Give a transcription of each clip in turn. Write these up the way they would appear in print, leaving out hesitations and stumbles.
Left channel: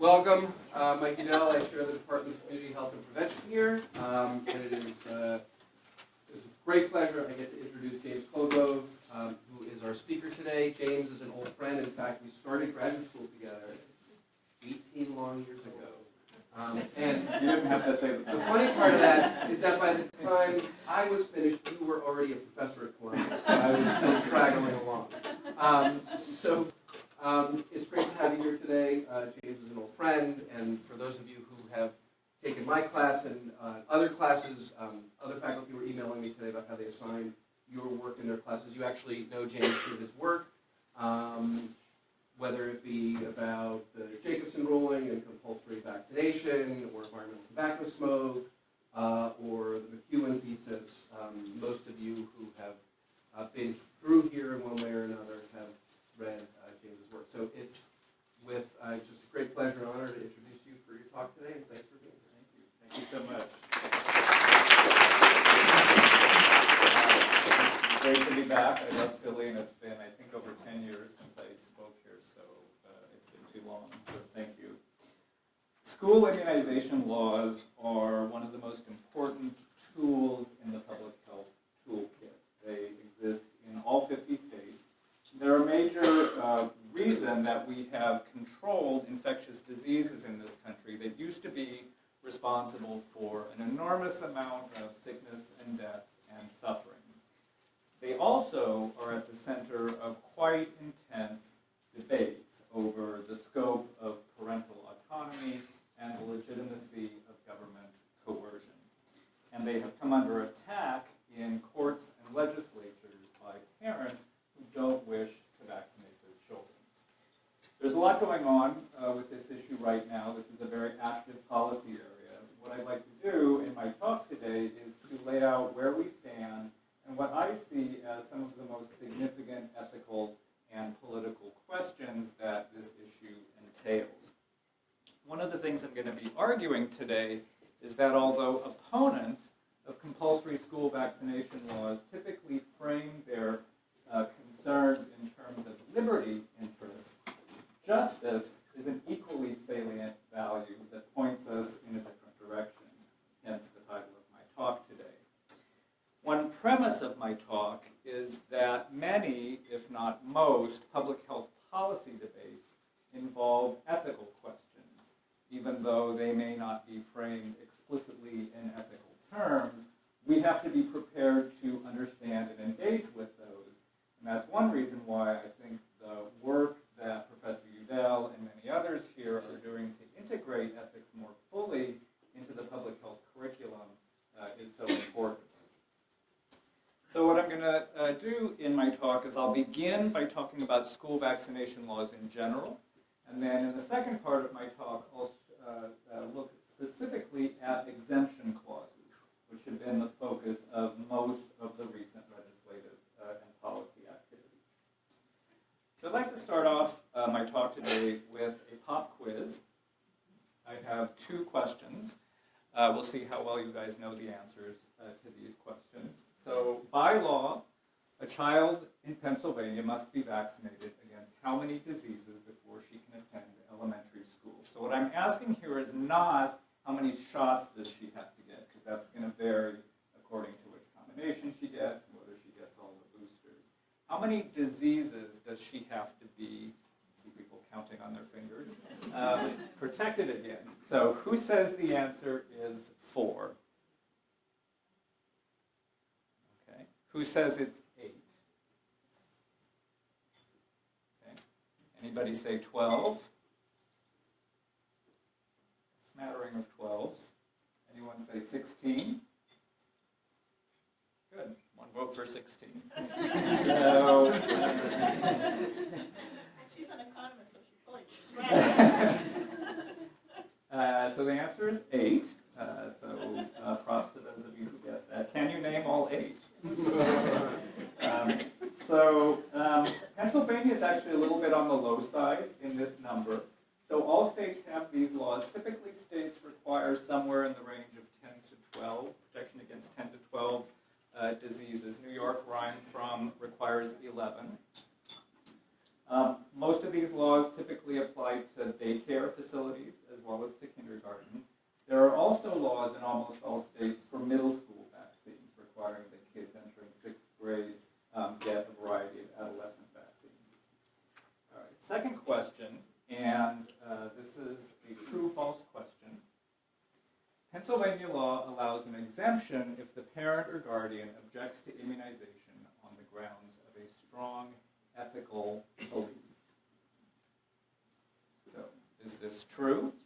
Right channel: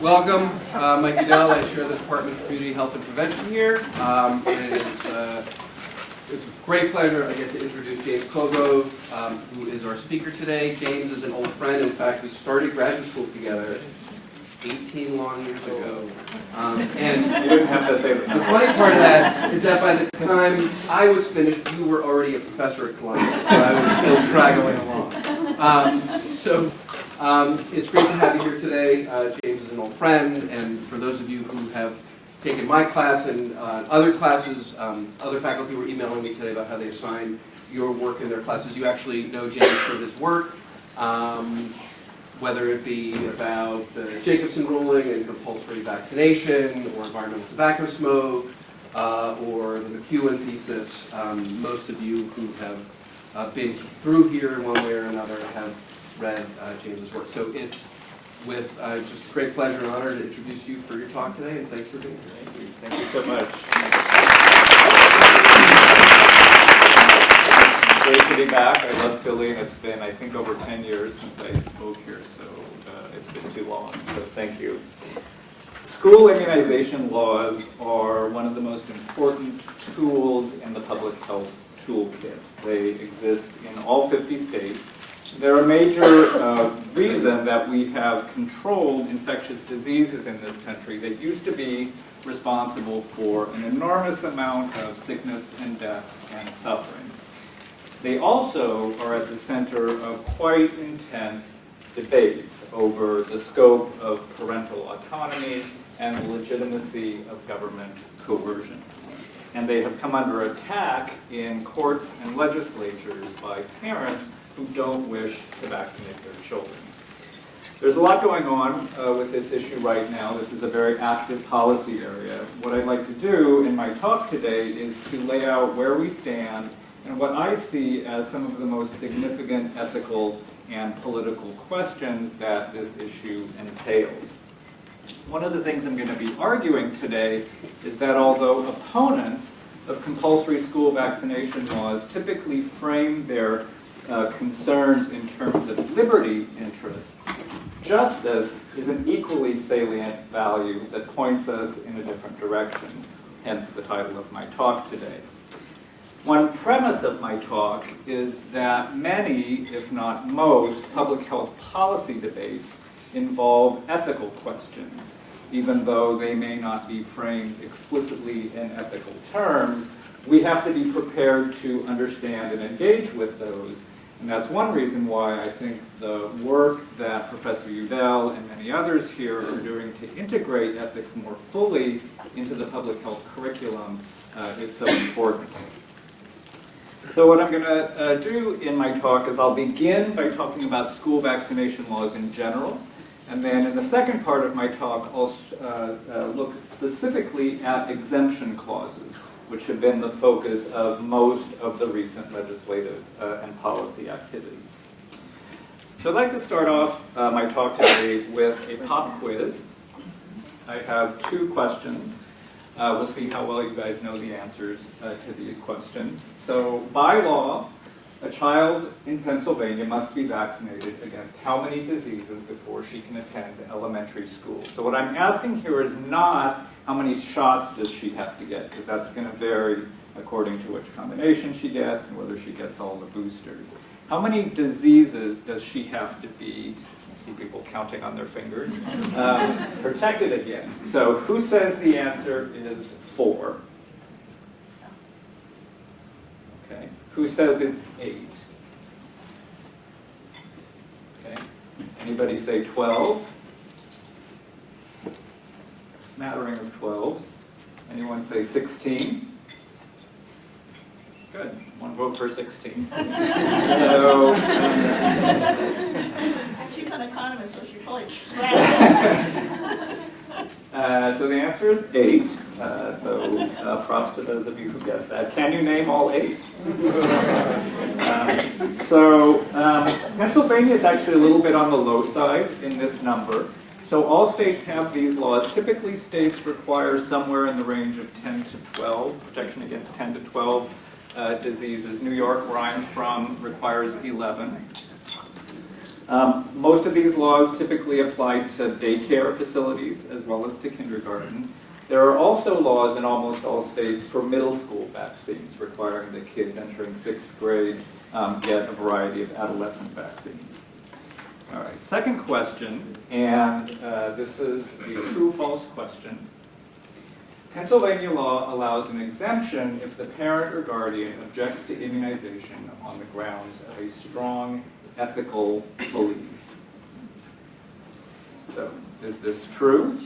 Welcome, Mike Udell. I chair the Department of Community Health and Prevention here. It's a great pleasure I get to introduce James Colgrove, who is our speaker today. James is an old friend. In fact, we started graduate school together 18 long years ago. And you wouldn't have to say that. The funny part of that is that by the time I was finished, you were already a professor at Columbia, so I was still straggling along. It's great to have you here today. James is an old friend, and for those of you who have taken my class and other classes, other faculty were emailing me today about how they assign your work in their classes. You actually know James for his work, whether it be about the Jacobson ruling and compulsory vaccination, or environmental tobacco smoke, or the McEwen thesis. Most of you who have been through here in one way or another have read James's work. So it's with just great pleasure and honor to introduce you for your talk today, and thanks for being here. Thank you so much. Great to be back. I love Philly, and it's been, I think, over 10 years since I spoke here, so it's been too long, so thank you. School immunization laws are one of the most important tools in the public health toolkit. They exist in all 50 states. They're a major reason that we have controlled infectious diseases in this country that used to be responsible for an enormous amount of sickness and death and suffering. They also are at the center of quite intense debates over the scope of parental autonomy and the legitimacy of government coercion. And they have come under attack in courts and legislatures by parents who don't wish to vaccinate their children. There's a lot going on with this issue right now. This is a very active policy area. What I'd like to do in my talk today is to lay out where we stand and what I see as some of the most significant ethical and political questions that this issue entails. One of the things I'm going to be arguing today is that although opponents of compulsory school vaccination laws typically frame their concerns in terms of liberty interests, justice is an equally salient value that points us in a different direction, hence the title of my talk today. One premise of my talk is that many, if not most, public health policy debates involve ethical questions. Even though they may not be framed explicitly in ethical terms, we have to be prepared to understand and engage with those. And that's one reason why I think the work that Professor Udell and many others here are doing to integrate ethics more fully into the public health curriculum is so important. So what I'm going to do in my talk is I'll begin by talking about school vaccination laws in general. And then in the second part of my talk, I'll look specifically at exemption clauses, which have been the focus of most of the recent legislative and policy activity. So I'd like to start off my talk today with a pop quiz. I have two questions. We'll see how well you guys know the answers to these questions. So by law, a child in Pennsylvania must be vaccinated against how many diseases before she can attend elementary school? So what I'm asking here is not how many shots does she have to get, because that's going to vary according to which combination she gets and whether she gets all the boosters. How many diseases does she have to be, I see people counting on their fingers, protected against? So who says the answer is 4? Okay. Who says it's 8? Okay. Anybody say 12? Smattering of 12s. Anyone say 16? Good. One vote for 16. So, she's an economist, so she probably so the answer is 8. Props to those of you who guessed that. Can you name all 8? Pennsylvania is actually a little bit on the low side in this number. So all states have these laws. Typically, states require somewhere in the range of 10 to 12, protection against 10 to 12 diseases. New York, where I'm from, requires 11. Most of these laws typically apply to daycare facilities as well as to kindergarten. There are also laws in almost all states for middle school vaccines, requiring that kids entering 6th grade get a variety of adolescent vaccines. All right, second question, and this is a true-false question. Pennsylvania law allows an exemption if the parent or guardian objects to immunization on the grounds of a strong ethical belief. So, is this true?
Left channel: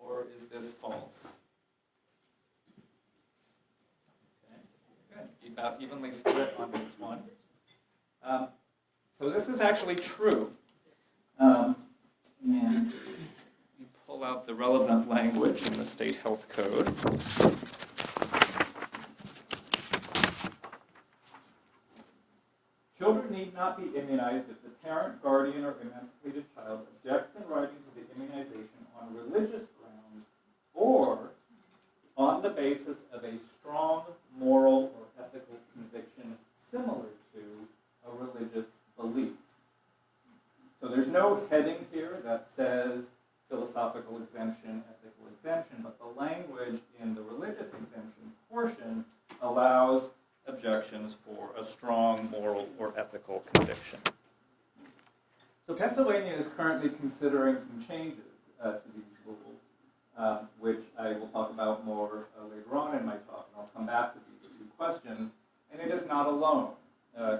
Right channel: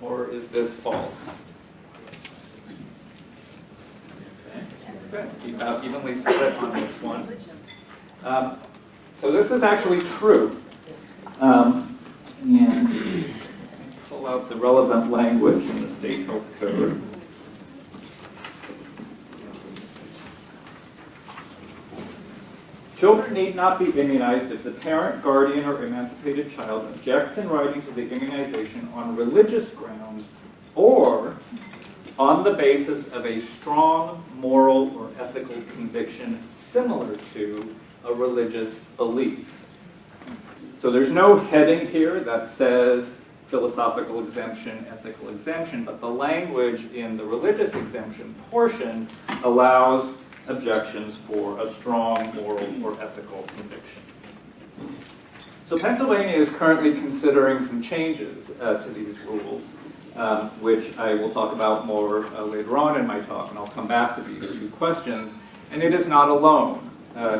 Or is this false? Okay, keep out evenly split on this one. So this is actually true. And pull out the relevant language from the State Health Code. Children need not be immunized if the parent, guardian, or emancipated child objects in writing to the immunization on religious grounds or on the basis of a strong moral or ethical conviction similar to a religious belief. So there's no heading here that says philosophical exemption, ethical exemption, but the language in the religious exemption portion allows objections for a strong moral or ethical conviction. So Pennsylvania is currently considering some changes to these rules, which I will talk about more later on in my talk, and I'll come back to these two questions. And it is not alone.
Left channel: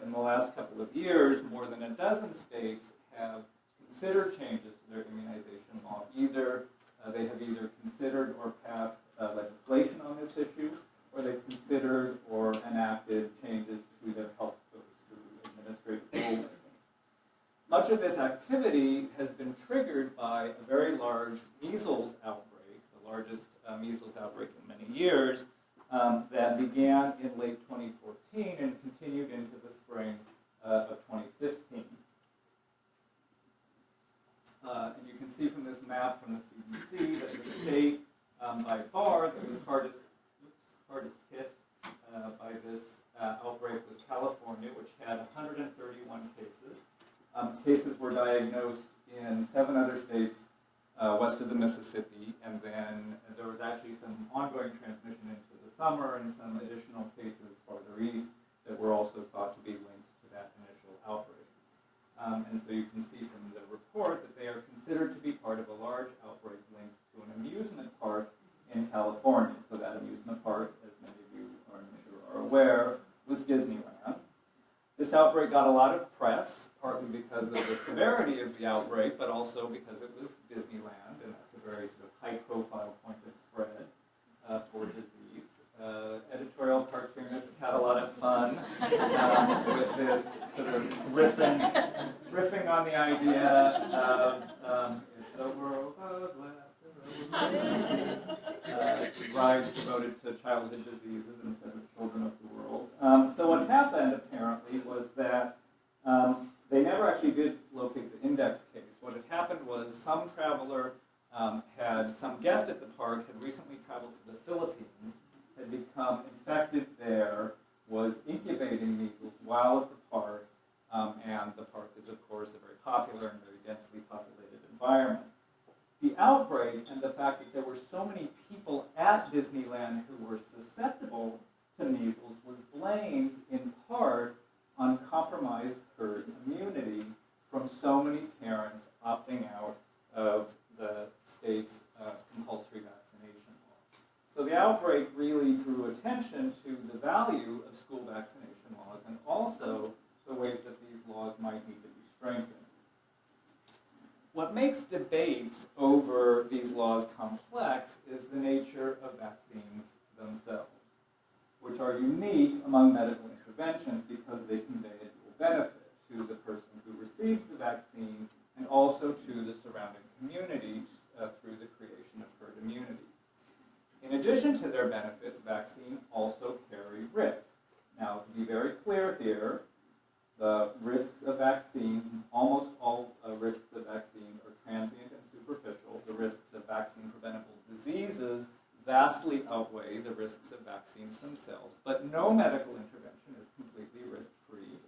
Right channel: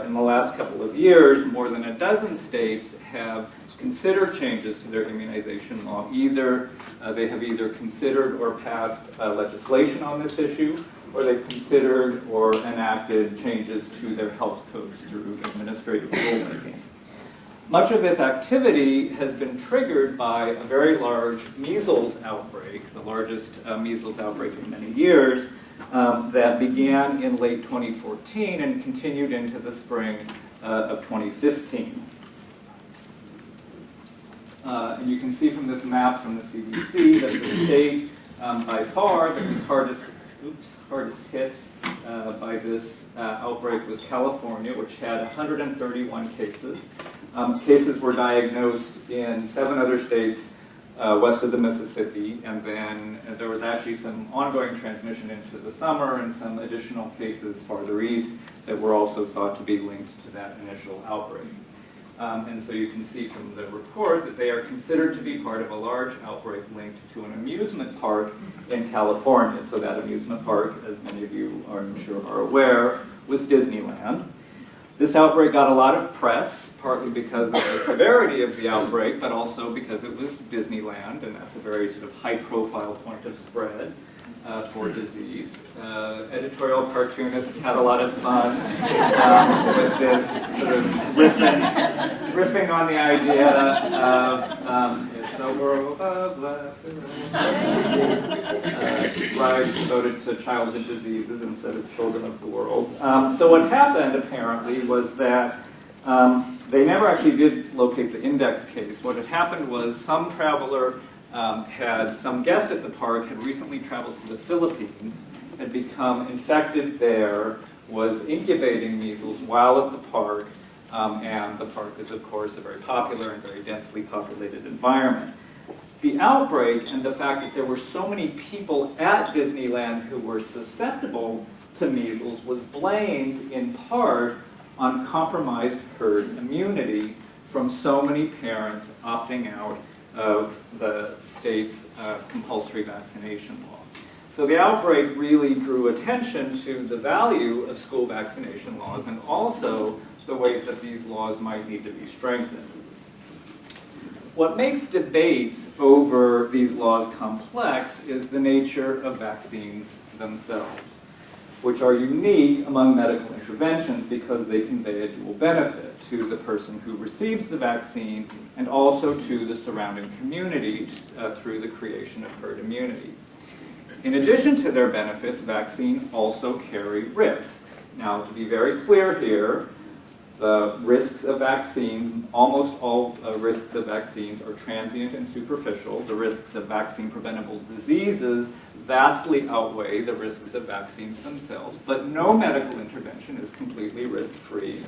In the last couple of years, more than a dozen states have considered changes to their immunization law. They have either considered or passed legislation on this issue, or they've considered or enacted changes to their health codes through administrative rulemaking. Much of this activity has been triggered by a very large measles outbreak, the largest measles outbreak in many years, that began in late 2014 and continued into the spring of 2015. And you can see from this map from the CDC that the state by far that was hardest hit by this outbreak was California, which had 131 cases. Cases were diagnosed in 7 other states west of the Mississippi, and then there was actually some ongoing transmission into the summer and some additional cases farther east that were also thought to be linked to that initial outbreak. And so you can see from the report that they are considered to be part of a large outbreak linked to an amusement park in California. So that amusement park, as many of you are, I'm sure, are aware, was Disneyland. This outbreak got a lot of press, partly because of the severity of the outbreak, but also because it was Disneyland, and that's a very sort of high-profile point of spread for disease. Editorial cartoonists had a lot of fun with this sort of riffing on the idea of it's a world of laughter, lives devoted to childhood diseases instead of children of the world. So what happened, apparently, was that they never actually did locate the index case. What had happened was some traveler some guest at the park had recently traveled to the Philippines, had become infected there, was incubating measles while at the park, and the park is, of course, a very popular and very densely populated environment. The outbreak and the fact that there were so many people at Disneyland who were susceptible to measles was blamed in part on compromised herd immunity from so many parents opting out of the state's compulsory vaccination law. So the outbreak really drew attention to the value of school vaccination laws and also the ways that these laws might need to be strengthened. What makes debates over these laws complex is the nature of vaccines themselves, which are unique among medical interventions because they convey a dual benefit to the person who receives the vaccine and also to the surrounding community through the creation of herd immunity. In addition to their benefits, vaccines also carry risks. Now, to be very clear here, the risks of vaccines, almost all risks of vaccines are transient and superficial. The risks of vaccine-preventable diseases vastly outweigh the risks of vaccines themselves, but no medical intervention is completely completely risk-free.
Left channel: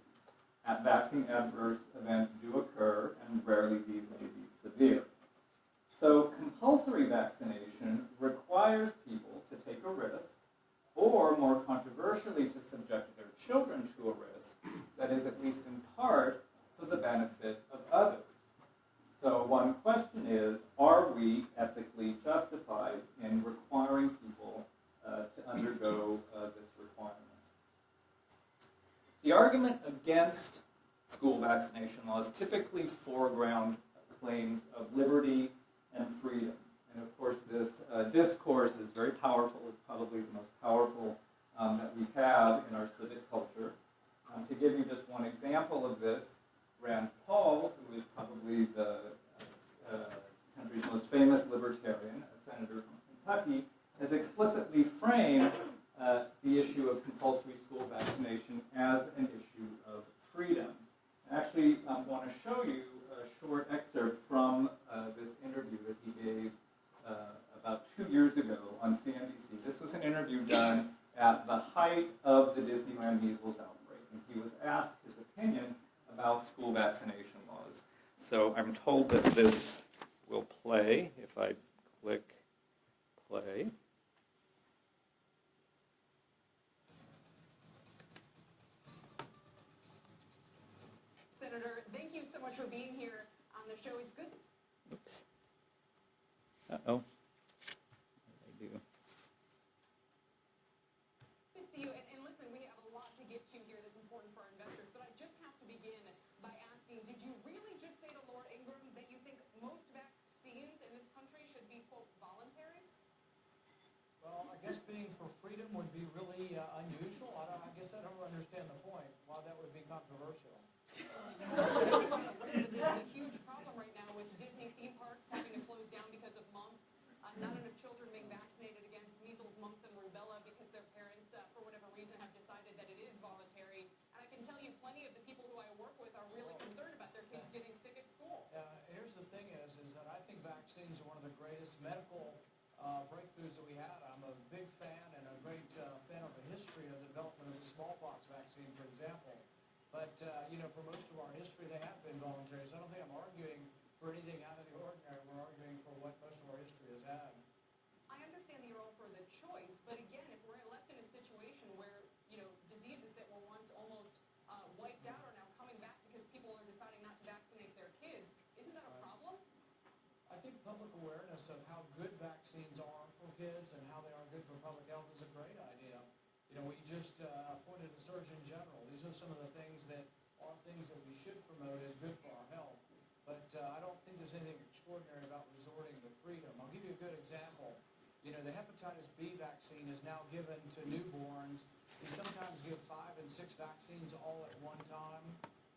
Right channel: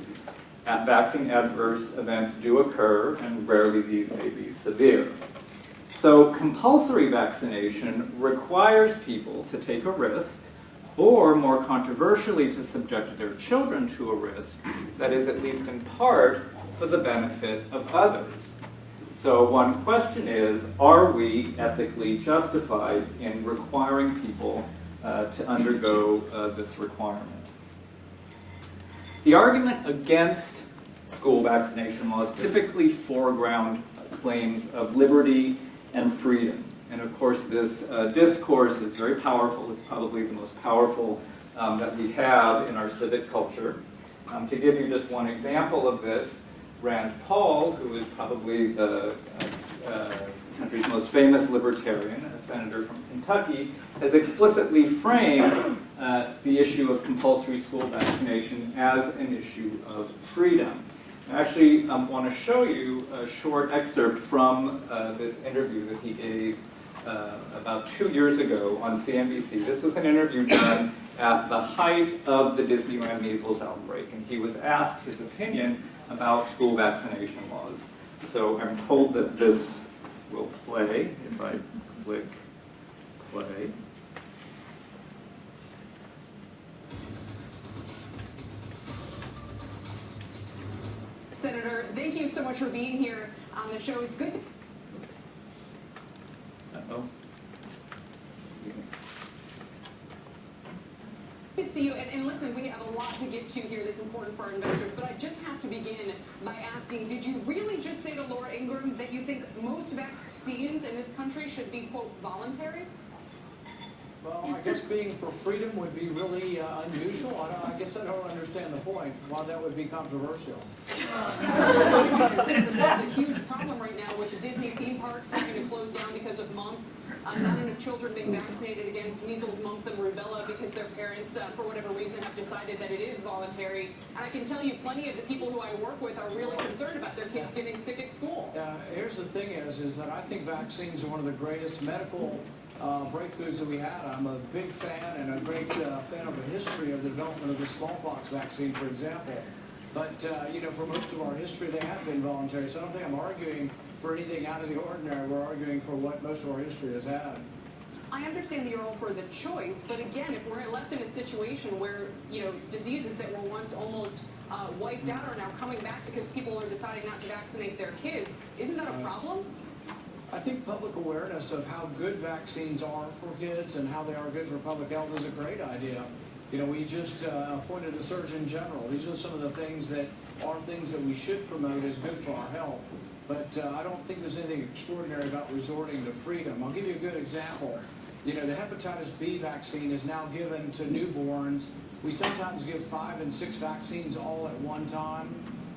Vaccine adverse events do occur, and rarely these may be severe. So compulsory vaccination requires people to take a risk, or more controversially, to subject their children to a risk that is, at least in part, for the benefit of others. So one question is, are we ethically justified in requiring people to undergo this requirement? The argument against school vaccination laws typically foreground claims of liberty and freedom. And of course, this discourse is very powerful. It's probably the most powerful that we have in our civic culture. To give you just one example of this, Rand Paul, who is probably the country's most famous libertarian, a senator from Kentucky, has explicitly framed the issue of compulsory school vaccination as an issue of freedom. I actually want to show you a short excerpt from this interview that he gave about 2 years ago on CNBC. This was an interview done at the height of the Disneyland measles outbreak, and he was asked his opinion about school vaccination laws. So I'm told that this will play if I click play. Senator, thank you so much for being here on the show. It's good. Uh-oh. Good to see you. And listen, we have a lot to get to here that's important for our investors, but I just have to begin by asking, did you really just say to Laura Ingraham that you think most vaccines in this country should be, quote, voluntary? Well, I guess being for freedom would be really unusual. I guess I don't understand the point, why that would be controversial. There's a huge problem right now with the Disney theme parks having to close down because of mumps. Not enough children being vaccinated against measles, mumps, and rubella because their parents, for whatever reason, have decided that it is voluntary. And I can tell you plenty of the people who I work with are really concerned about their kids getting sick at school. Here's the thing is that I think vaccines are one of the greatest medical breakthroughs that we had. I'm a big fan and a great fan of the history of the development of the smallpox vaccine, for example. But, for most of our history, they have been voluntary. So I don't think I'm arguing for anything out of the ordinary. We're arguing for what most of our history has had. I understand that you're all for the choice, but again, if we're left in a situation where, diseases that were once almost wiped out are now coming back because people are deciding not to vaccinate their kids, isn't that a problem? I think public awareness of how good vaccines are for kids and how they are good for public health is a great idea. We just appointed a Surgeon General. These are some of the things that are things that we should promote as good for our health. But I don't think there's anything extraordinary about resorting to freedom. I'll give you a good example. The hepatitis B vaccine is now given to newborns. We sometimes give 5 and 6 vaccines all at one time.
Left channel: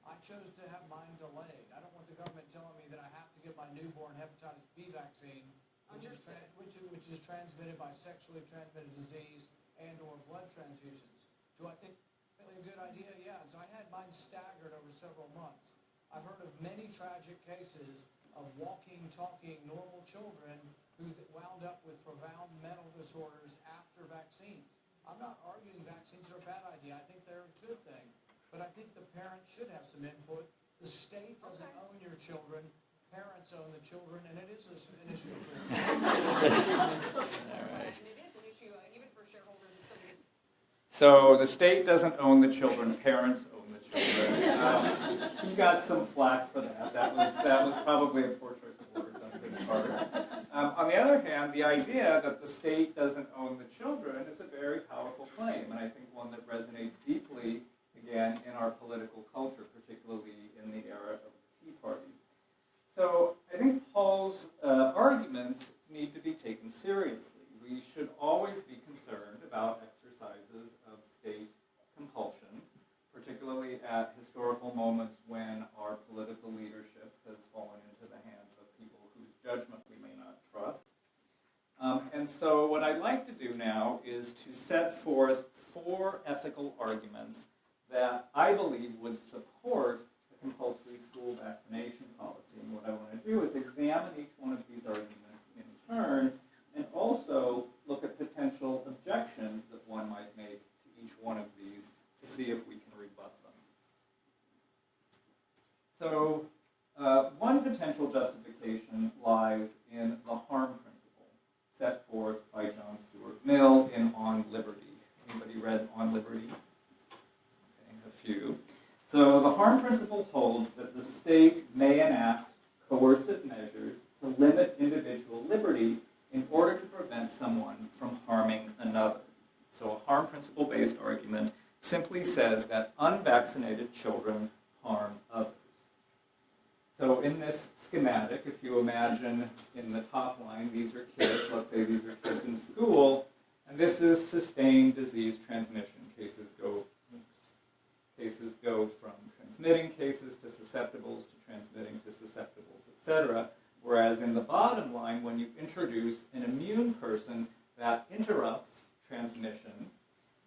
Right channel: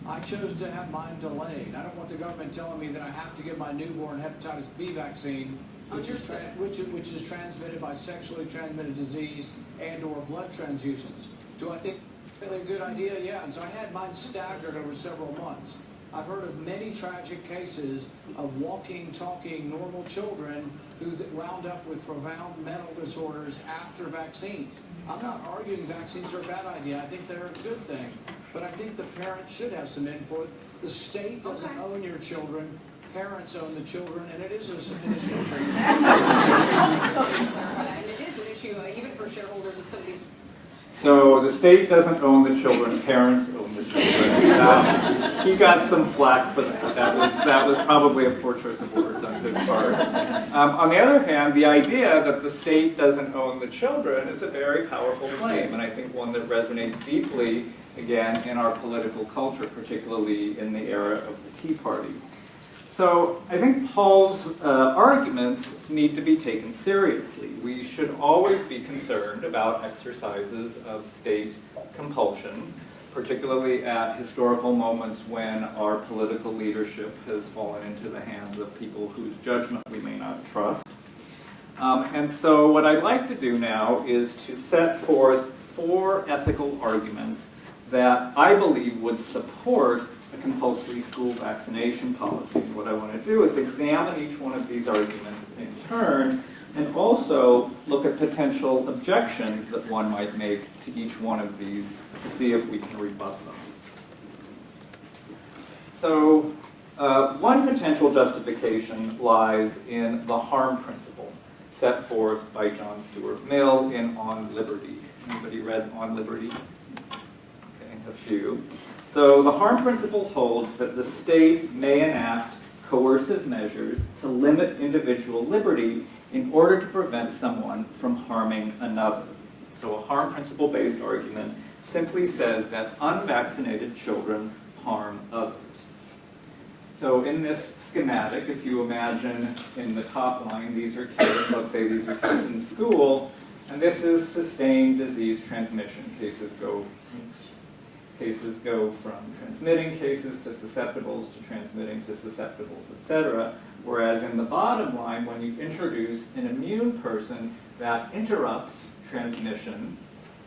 I chose to have mine delayed. I don't want the government telling me that I have to give my newborn hepatitis B vaccine, which is transmitted by sexually transmitted disease and or blood transfusions. Do I think it's a good idea? Yeah. And so I had mine staggered over several months. I've heard of many tragic cases of walking, talking, normal children who wound up with profound mental disorders after vaccines. I'm not arguing vaccines are a bad idea. I think they're a good thing. But I think the parents should have some input. The state doesn't own your children. Parents own the children, and it is an issue. And it is an issue even for shareholders of some of these. So the state doesn't own the children, parents own the children. He got some flack for that. That was probably a poor choice of words on his part. On the other hand, the idea that the state doesn't own the children is a very powerful claim, and I think one that resonates deeply, again, in our political culture, particularly in the era of the Tea Party. So I think Paul's arguments need to be taken seriously. We should always be concerned about exercises of state compulsion, particularly at historical moments when our political leadership has fallen into the hands of people whose judgment we may not trust. And so what I'd like to do now is to set forth 4 ethical arguments that I believe would support a compulsory school vaccination policy. What I want to do is examine each one of these arguments in turn and also look at potential objections that one might make to each one of these to see if we can rebut them. So one potential justification lies in the harm principle set forth by John Stuart Mill in On Liberty. Anybody read On Liberty? Okay, a few. So the harm principle holds that the state may enact coercive measures to limit individual liberty in order to prevent someone from harming another. So a harm principle-based argument simply says that unvaccinated children harm others. So in this schematic, if you imagine in the top line, these are kids, let's say these are kids in school, and this is sustained disease transmission. Cases go from transmitting cases to susceptibles to transmitting to susceptibles, etc. Whereas in the bottom line, when you introduce an immune person, that interrupts transmission,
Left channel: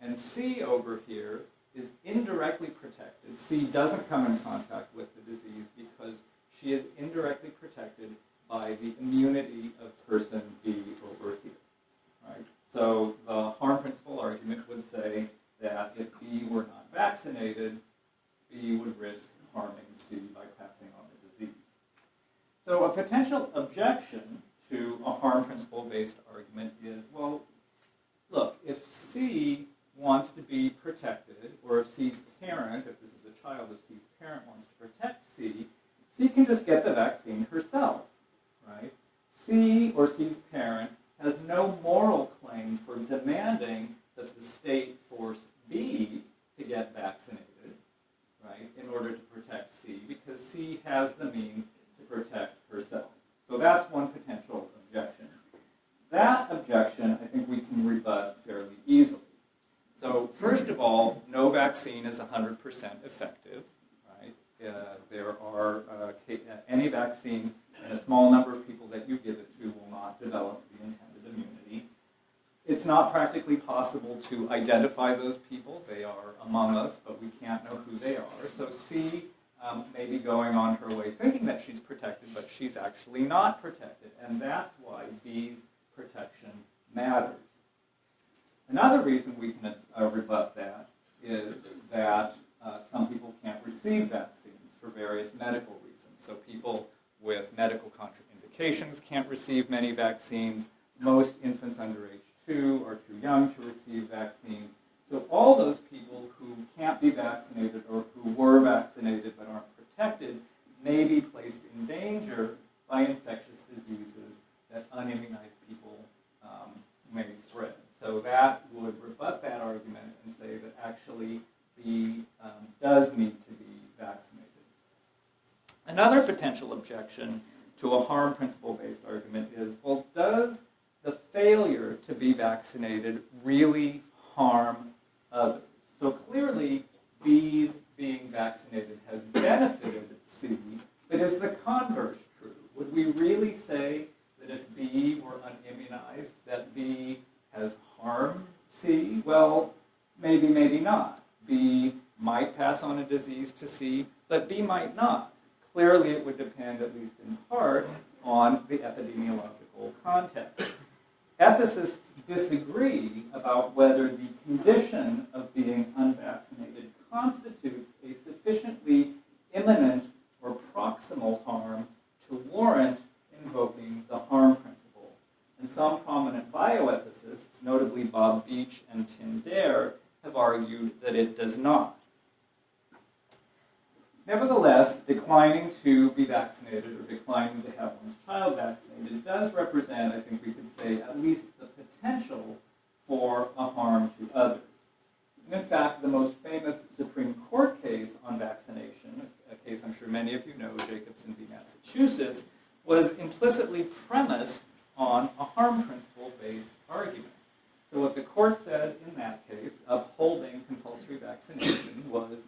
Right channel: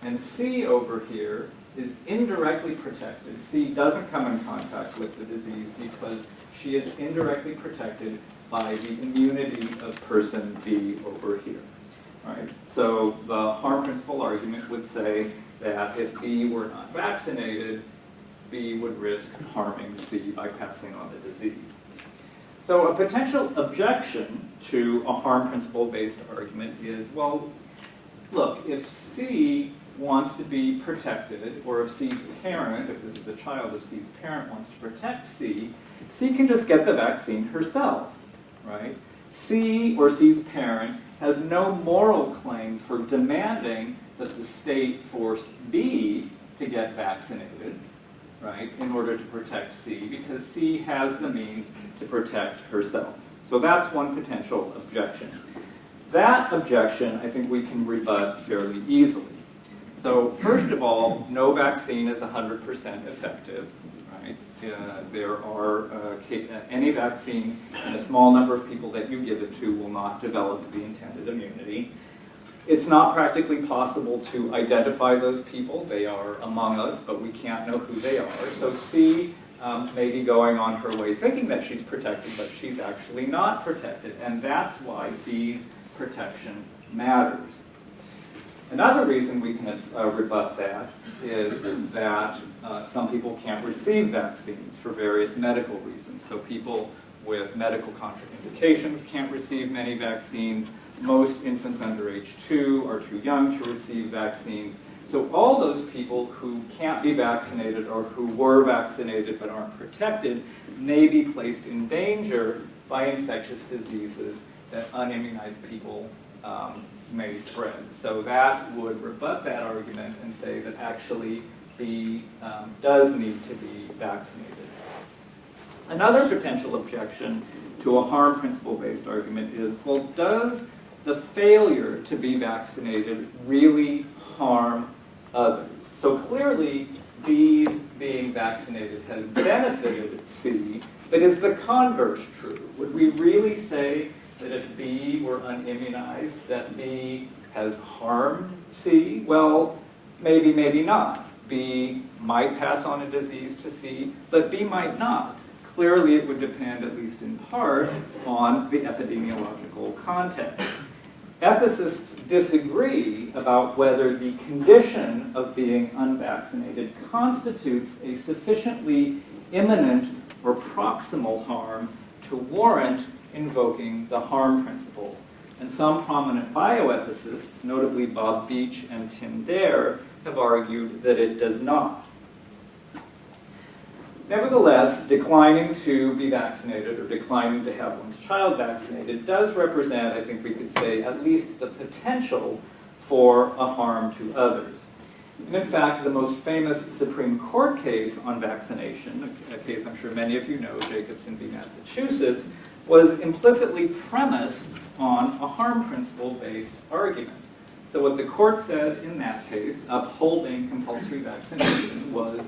and C over here is indirectly protected. C doesn't come in contact with the disease because she is indirectly protected by the immunity of person B over here. Right? So the harm principle argument would say that if B were not vaccinated, B would risk harming C by passing on the disease. So a potential objection to a harm principle-based argument is, well, look, if C wants to be protected, or if C's parent, if this is a child, if C's parent wants to protect C, C can just get the vaccine herself, right? C or C's parent has no moral claim for demanding that the state force B to get vaccinated, right, in order to protect C, because C has the means to protect herself. So that's one potential objection. That objection, I think we can rebut fairly easily. So first of all, no vaccine is 100% effective, right? There are, any vaccine, and a small number of people that you give it to will not develop the intended immunity. It's not practically possible to identify those people. They are among us, but we can't know who they are. So C may be going on her way thinking that she's protected, but she's actually not protected. And that's why B's protection matters. Another reason we can rebut that is that some people can't receive vaccines for various medical reasons. So people with medical contraindications can't receive many vaccines. Most infants under age 2 are too young to receive vaccines. So all those people who can't be vaccinated or who were vaccinated but aren't protected may be placed in danger by infectious diseases that unimmunized people may spread. So that would rebut that argument and say that actually B does need to be vaccinated. Another potential objection to a harm principle-based argument is, well, does the failure to be vaccinated really harm others? So clearly, B's being vaccinated has benefited C, but is the converse true? Would we really say that if B were unimmunized, that B has harmed C? Well, maybe, maybe not. B might pass on a disease to C, but B might not. Clearly, it would depend, at least in part, on the epidemiological context. Ethicists disagree about whether the condition of being unvaccinated constitutes a sufficiently imminent or proximal harm to warrant invoking the harm principle. And some prominent bioethicists, notably Bob Beach and Tim Dare, have argued that it does not. Nevertheless, declining to be vaccinated or declining to have one's child vaccinated does represent, I think we could say, at least the potential for a harm to others. And in fact, the most famous Supreme Court case on vaccination, a case I'm sure many of you know, Jacobson v. Massachusetts, was implicitly premised on a harm principle-based argument. So what the court said in that case, upholding compulsory vaccination, was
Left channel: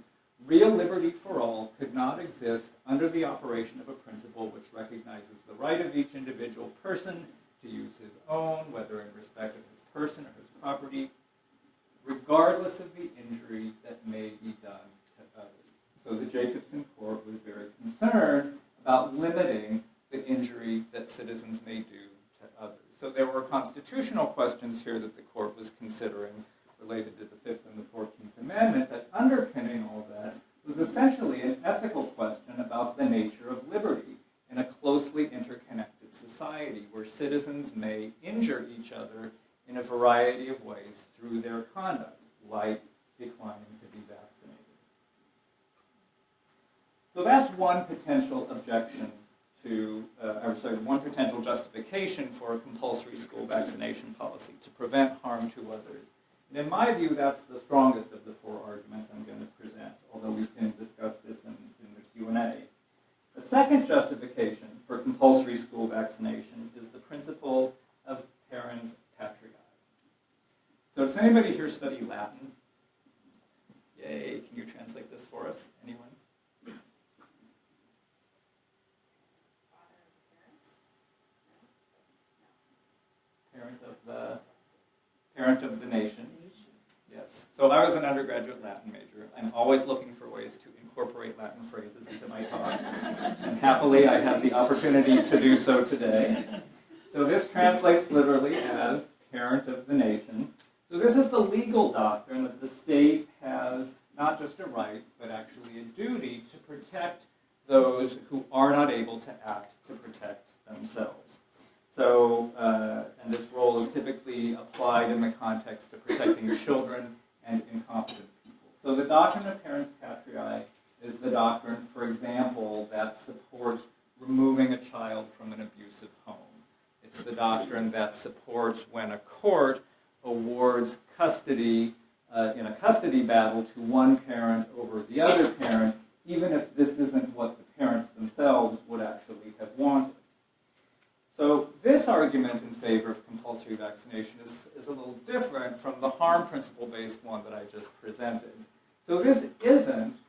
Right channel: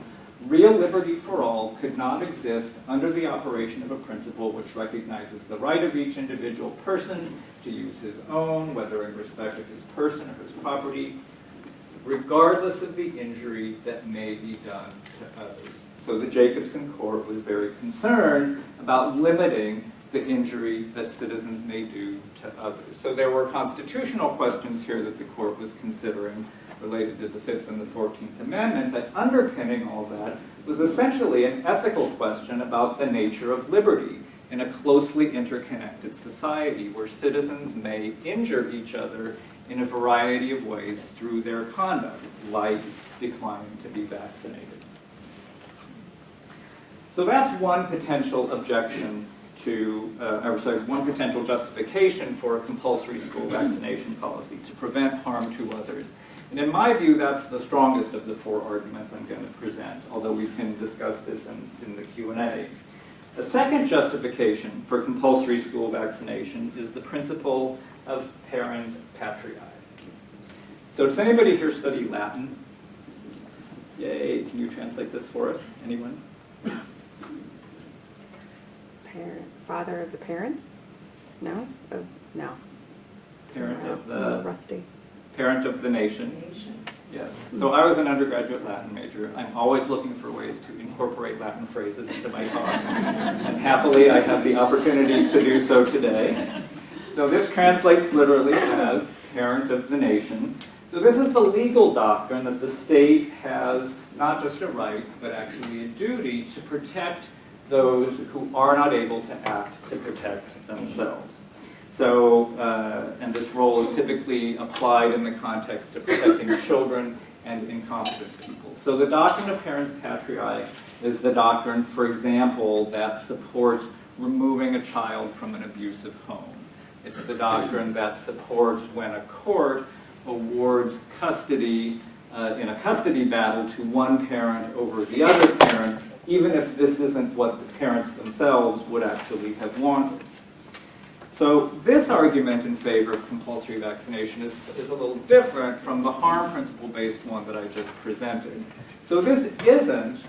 real liberty for all could not exist under the operation of a principle which recognizes the right of each individual person to use his own, whether in respect of his person or his property, regardless of the injury that may be done to others. So the Jacobson court was very concerned about limiting the injury that citizens may do to others. So there were constitutional questions here that the court was considering, related to the Fifth and the 14th Amendment, that underpinning all that was essentially an ethical question about the nature of liberty in a closely interconnected society where citizens may injure each other in a variety of ways through their conduct, like declining to be vaccinated. So that's one potential objection to, one potential justification for a compulsory school vaccination policy, to prevent harm to others. And in my view, that's the strongest of the four arguments I'm going to present, although we can discuss this in the Q&A. The second justification for compulsory school vaccination is the principle of parens patriae. So does anybody here study Latin? Yay, can you translate this for us? Anyone? Father of the parents? No? No. Parent of the rusty. Parent of the nation. Yes. So I was an undergraduate Latin major. I'm always looking for ways to incorporate Latin phrases into my talks. And happily, I have the opportunity to do so today. So this translates literally as parent of the nation. So this is the legal doctrine that the state has not just a right, but actually a duty to protect those who are not able to act to protect themselves. So, and this role is typically applied in the context of protecting children and incompetent people. So the doctrine of parens patriae is the doctrine, for example, that supports removing a child from an abusive home. It's the doctrine that supports when a court awards custody in a custody battle to one parent over the other parent, even if this isn't what the parents themselves would actually have wanted. So this argument in favor of compulsory vaccination is a little different from the harm principle-based one that I just presented. So this isn't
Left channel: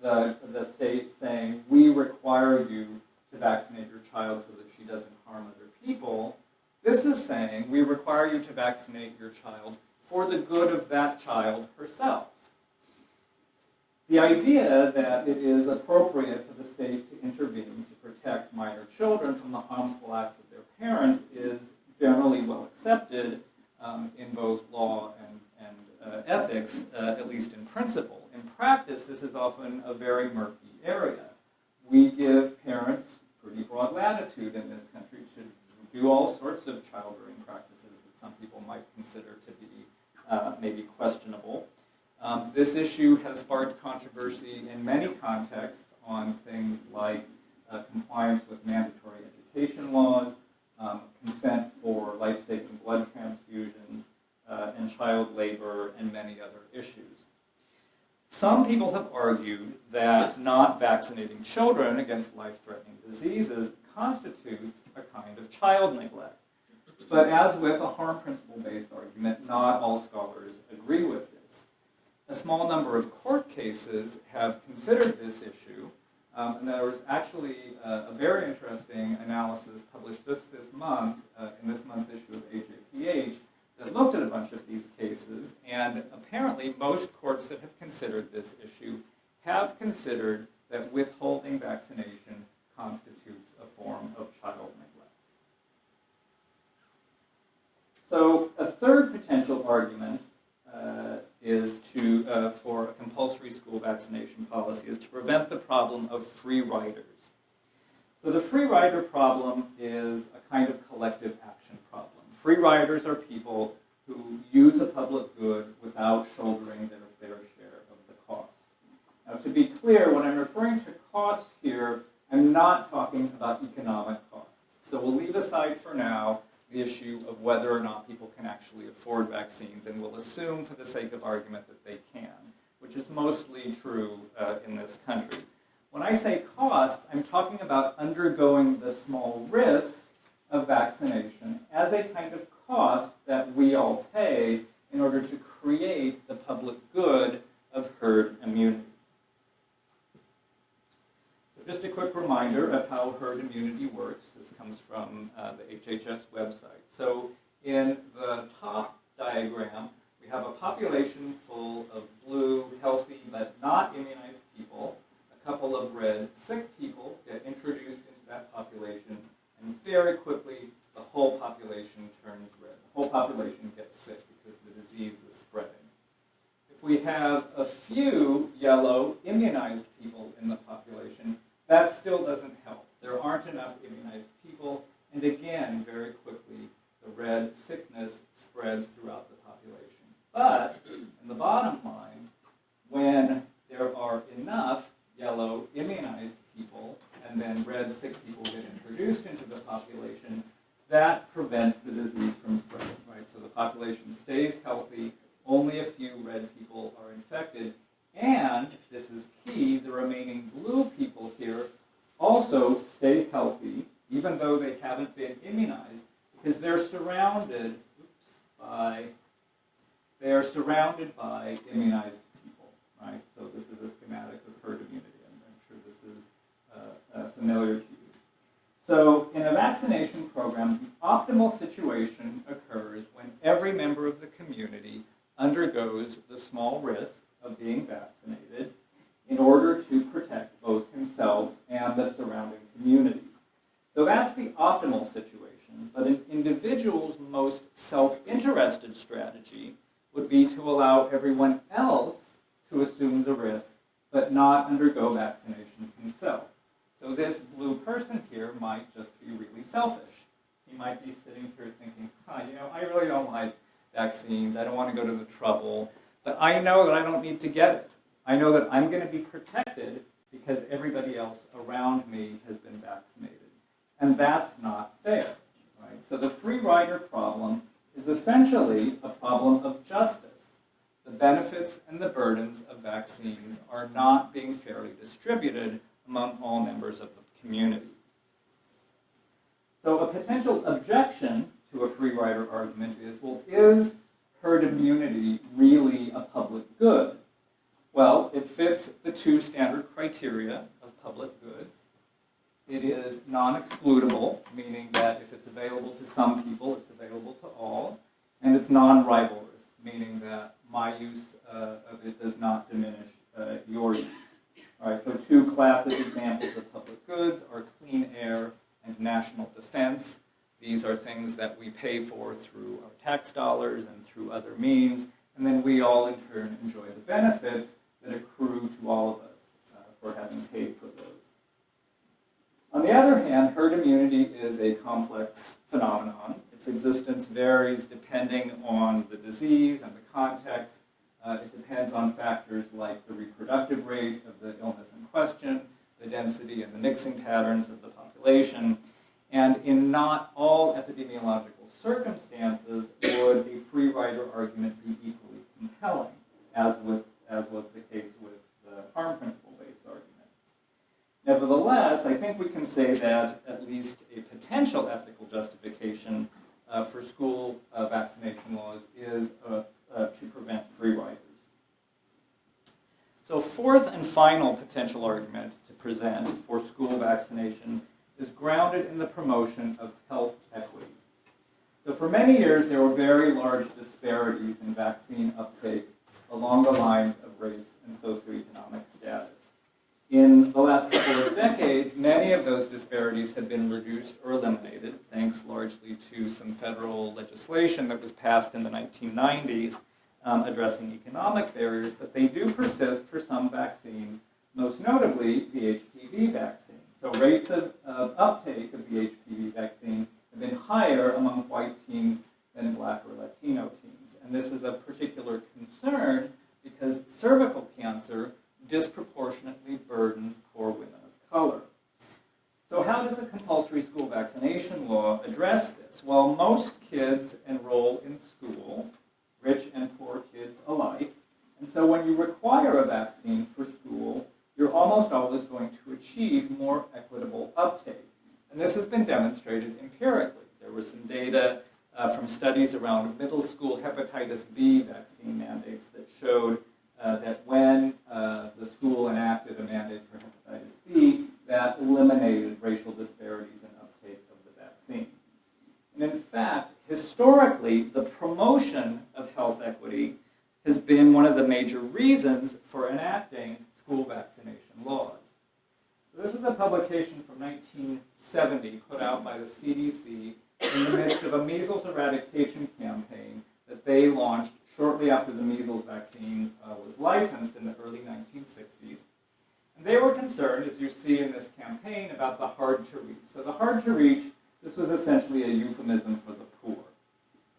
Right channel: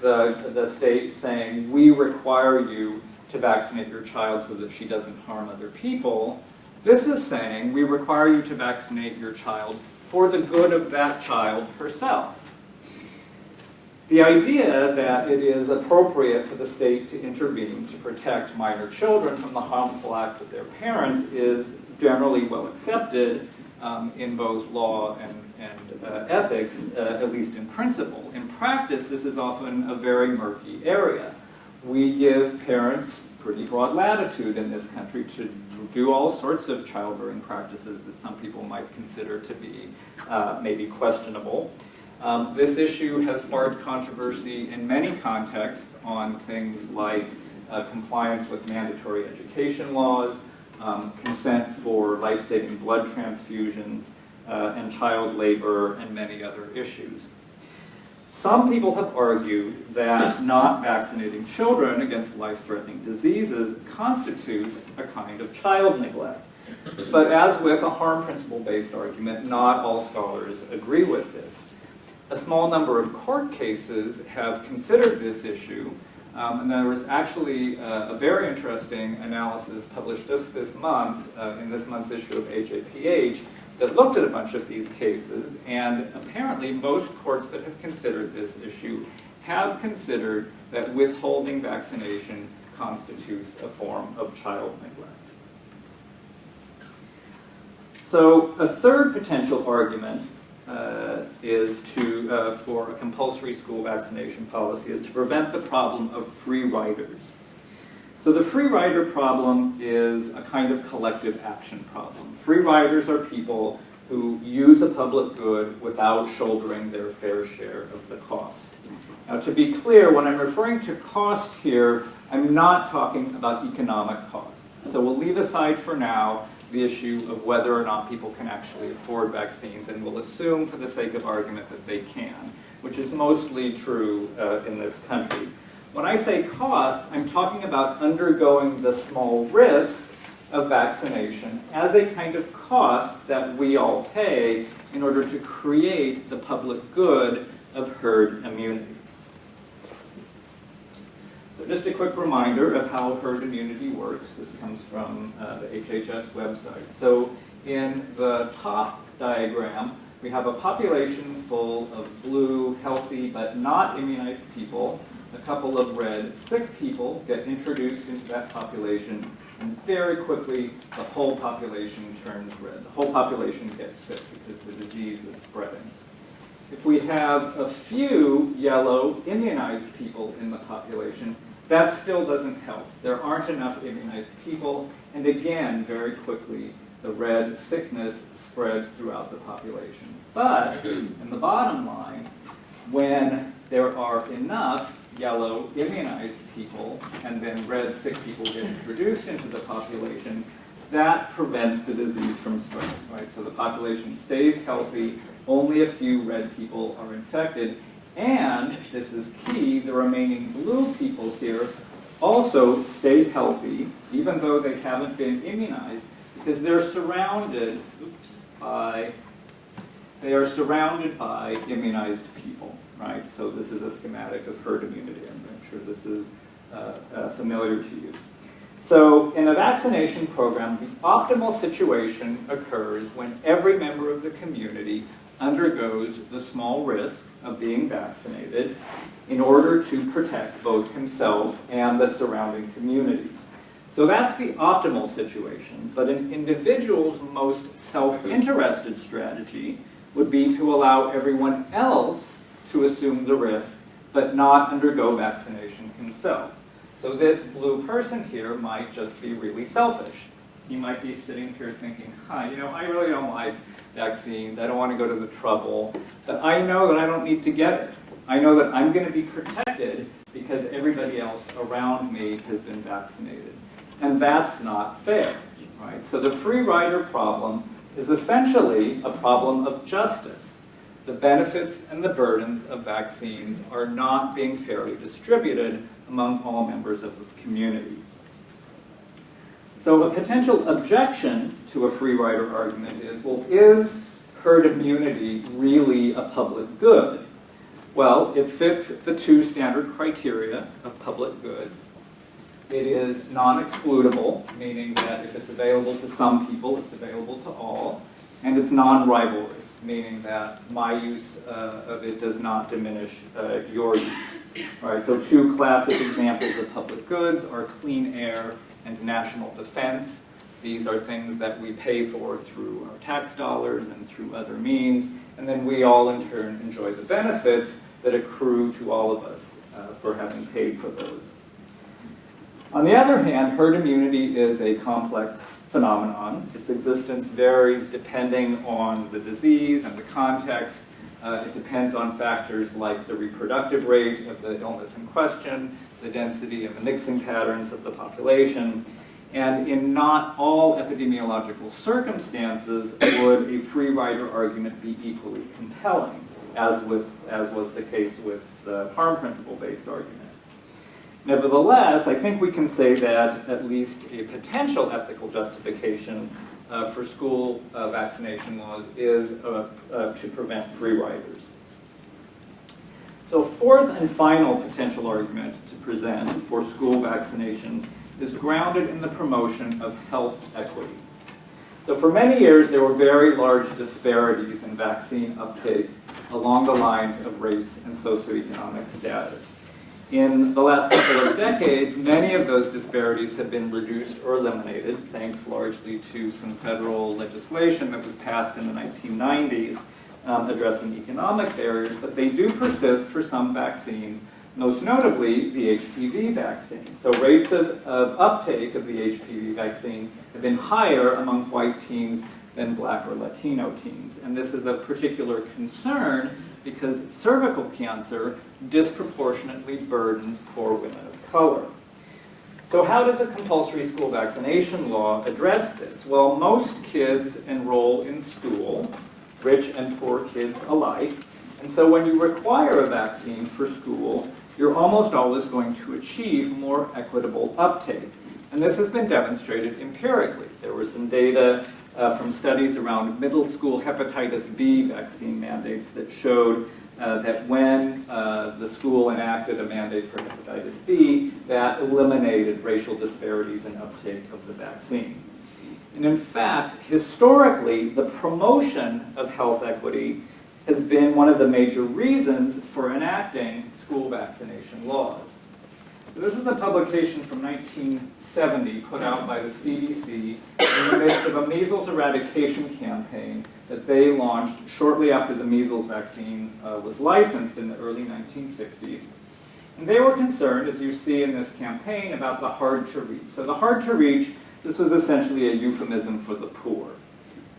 the state saying, we require you to vaccinate your child so that she doesn't harm other people. This is saying, we require you to vaccinate your child for the good of that child herself. The idea that it is appropriate for the state to intervene to protect minor children from the harmful acts of their parents is generally well accepted in both law and ethics, at least in principle. In practice, this is often a very murky area. We give parents pretty broad latitude in this country to do all sorts of childbearing practices that some people might consider to be maybe questionable. This issue has sparked controversy in many contexts on things like compliance with mandatory education laws, consent for life-saving blood transfusions, and child labor, and many other issues. Some people have argued that not vaccinating children against life-threatening diseases constitutes a kind of child neglect. But as with a harm principle-based argument, not all scholars agree with this. A small number of court cases have considered this issue, and there was actually a very interesting analysis published just this month, in this month's issue of HAPH, that looked at a bunch of these cases, and apparently most courts that have considered this issue have considered that withholding vaccination constitutes a form of child neglect. So a third potential argument is for a compulsory school vaccination policy is to prevent the problem of free riders. So the free rider problem is a kind of collective action problem. Free riders are people who use a public good without shouldering their fair share of the cost. Now, to be clear, when I'm referring to cost here, I'm not talking about economic costs. So we'll leave aside for now the issue of whether or not people can actually afford vaccines, and we'll assume for the sake of argument that they can, which is mostly true in this country. When I say cost, I'm talking about undergoing the small risk of vaccination as a kind of cost that we all pay in order to create the public good of herd immunity. So just a quick reminder of how herd immunity works. This comes from the HHS website. So in the top diagram, we have a population full of blue, healthy, but not immunized people. A couple of red, sick people get introduced into that population, And very quickly, the whole population turns red. The whole population gets sick because the disease is spreading. If we have a few yellow immunized people in the population, that still doesn't help. There aren't enough immunized people, and again, very quickly, the red sickness spreads throughout the population. But, in the bottom line, when there are enough yellow immunized people, and then red sick people get introduced into the population, that prevents the disease from spreading, right? So the population stays healthy, only a few red people are infected, and, this is key, the remaining blue people here also stay healthy, even though they haven't been immunized, because they're surrounded, by immunized people, right? So this is a schematic of herd immunity. I'm sure this is familiar to you. So in a vaccination program, the optimal situation occurs when every member of the community undergoes the small risk of being vaccinated in order to protect both himself and the surrounding community. So that's the optimal situation, but an individual's most self-interested strategy would be to allow everyone else to assume the risk, but not undergo vaccination himself. So this blue person here might just be really selfish. He might be sitting here thinking, you know, I really don't like vaccines, I don't want to go to the trouble, but I know that I don't need to get it. I know that I'm going to be protected because everybody else around me has been vaccinated. And that's not fair, right? So the free rider problem is essentially a problem of justice. The benefits and the burdens of vaccines are not being fairly distributed among all members of the community. So a potential objection to a free rider argument is, well, is herd immunity really a public good? Well, it fits the two standard criteria of public goods. It is non-excludable, meaning that if it's available to some people, it's available to all. And it's non-rivalrous, meaning that my use of it does not diminish your use. Right, so two classic examples of public goods are clean air and national defense. These are things that we pay for through our tax dollars and through other means, and then we all in turn enjoy the benefits that accrue to all of us for having paid for those. On the other hand, herd immunity is a complex phenomenon. Its existence varies depending on the disease and the context. It depends on factors like the reproductive rate of the illness in question, the density and the mixing patterns of the population, and in not all epidemiological circumstances would a free rider argument be equally compelling, as was the case with the harm principle-based argument. Nevertheless, I think we can say that at least a potential ethical justification for school vaccination laws is to prevent free riders. So fourth and final potential argument to present for school vaccination is grounded in the promotion of health equity. So for many years, there were very large disparities in vaccine uptake along the lines of race and socioeconomic status. In the last couple of decades, many of those disparities have been reduced or eliminated, thanks largely to some federal legislation that was passed in the 1990s addressing economic barriers, but they do persist for some vaccines, most notably the Hpv vaccine. So rates of uptake of the Hpv vaccine have been higher among white teens than Black or Latino teens. And this is of particular concern because cervical cancer disproportionately burdens poor women of color. So how does a compulsory school vaccination law address this? Well, most kids enroll in school, rich and poor kids alike, and so when you require a vaccine for school, you're almost always going to achieve more equitable uptake. And this has been demonstrated empirically. There were some data from studies around middle school hepatitis B vaccine mandates that showed that when the school enacted a mandate for hepatitis B, that eliminated racial disparities in uptake of the vaccine. And in fact, historically, the promotion of health equity has been one of the major reasons for enacting school vaccination laws. So this is a publication from 1970 put out by the CDC in the midst of a measles eradication campaign that they launched shortly after the measles vaccine was licensed in the early 1960s. And they were concerned, as you see in this campaign, about the hard to reach. So the hard to reach, this was essentially a euphemism for the poor,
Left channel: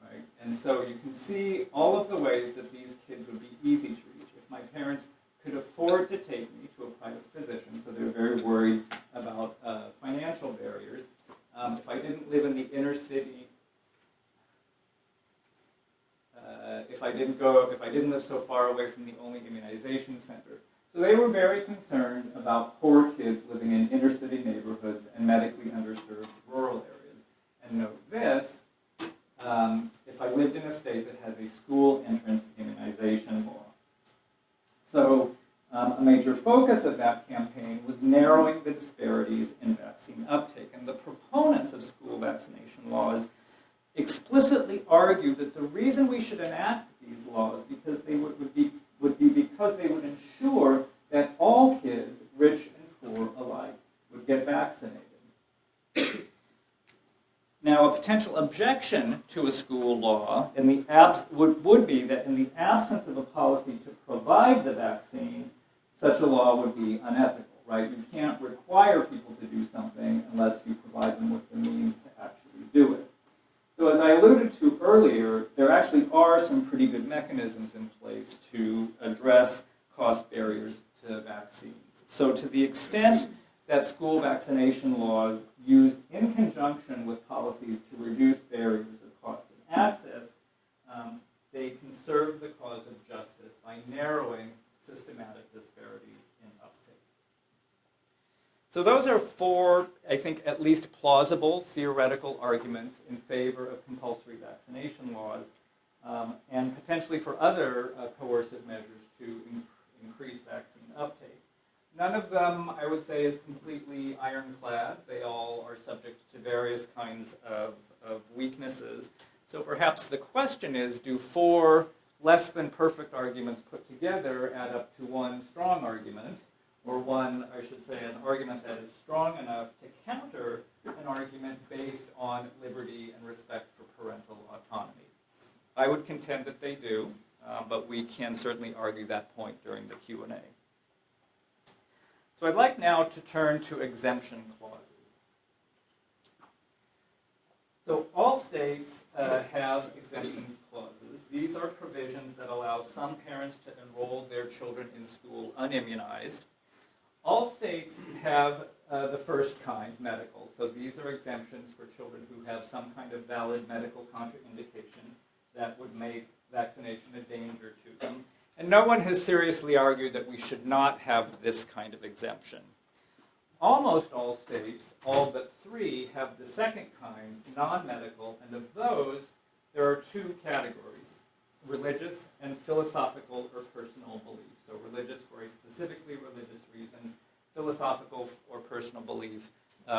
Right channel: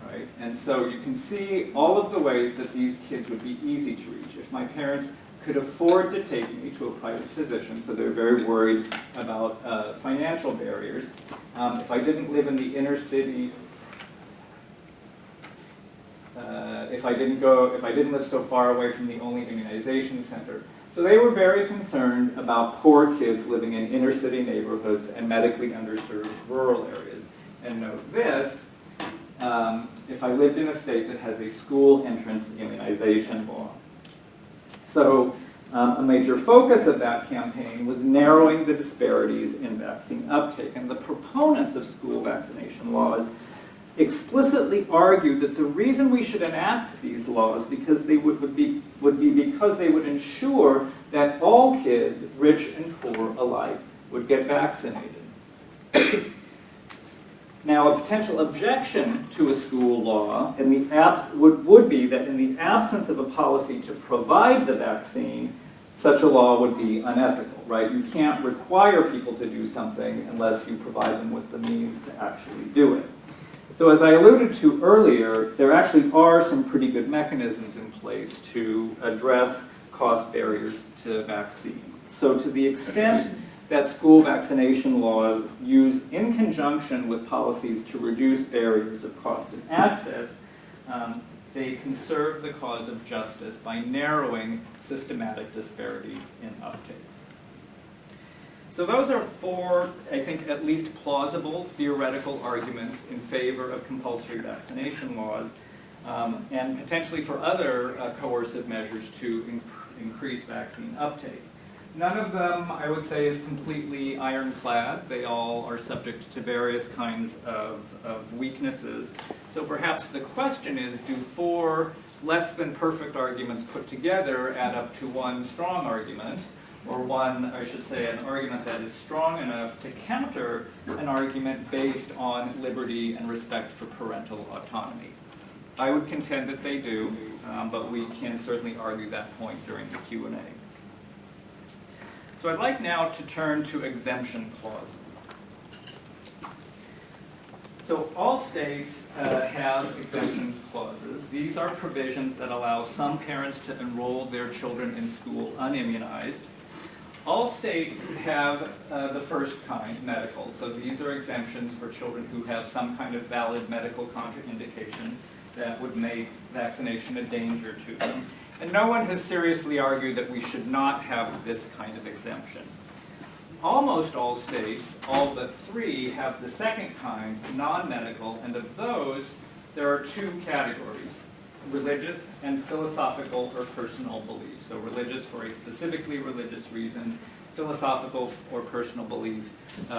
right? And so you can see all of the ways that these kids would be easy to reach. If my parents could afford to take me to a private physician, so they're very worried about financial barriers. If I didn't live in the inner city, if I didn't live so far away from the only immunization center. So they were very concerned about poor kids living in inner city neighborhoods and medically underserved rural areas. And note this, if I lived in a state that has a school entrance immunization law. So a major focus of that campaign was narrowing the disparities in vaccine uptake. And the proponents of school vaccination laws explicitly argued that the reason we should enact these laws because they would be because they would ensure that all kids, rich and poor alike, would get vaccinated. Now, a potential objection to a school law would be that in the absence of a policy to provide the vaccine, such a law would be unethical, right? You can't require people to do something unless you provide them with the means to actually do it. So as I alluded to earlier, there actually are some pretty good mechanisms in place to address cost barriers to vaccines. So to the extent that school vaccination laws used in conjunction with policies to reduce barriers of cost and access, they conserve the cause of justice by narrowing systematic disparities in uptake. So those are four, I think, at least plausible theoretical arguments in favor of compulsory vaccination laws and potentially for other coercive measures to increase vaccine uptake. None of them, I would say, is completely ironclad. They all are subject to various kinds of weaknesses. So perhaps the question is, do four less than perfect arguments put together add up to one strong argument? Or one, I should say, an argument that is strong enough to counter an argument based on liberty and respect for parental autonomy. I would contend that they do, but we can certainly argue that point during the Q&A. So I'd like now to turn to exemption clauses. So all states have exemption clauses. These are provisions that allow some parents to enroll their children in school unimmunized. All states have the first kind, medical. So these are exemptions for children who have some kind of valid medical contraindication that would make vaccination a danger to them. And no one has seriously argued that we should not have this kind of exemption. Almost all states, all but three, have the second kind, non-medical, and of those, there are two categories, religious and philosophical or personal belief. So religious for a specifically religious reason, philosophical or personal belief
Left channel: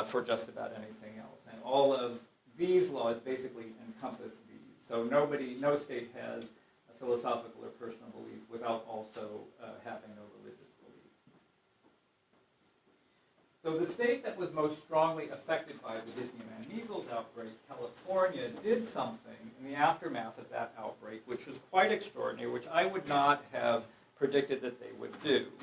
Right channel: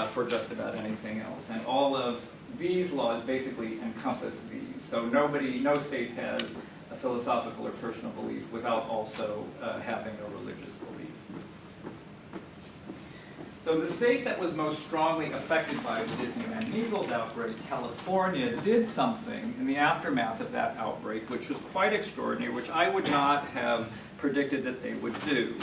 for just about anything else. And all of these laws basically encompass these. So no state has a philosophical or personal belief without also having a religious belief. So the state that was most strongly affected by the Disneyland measles outbreak, California, did something in the aftermath of that outbreak, which was quite extraordinary, which I would not have predicted that they would do.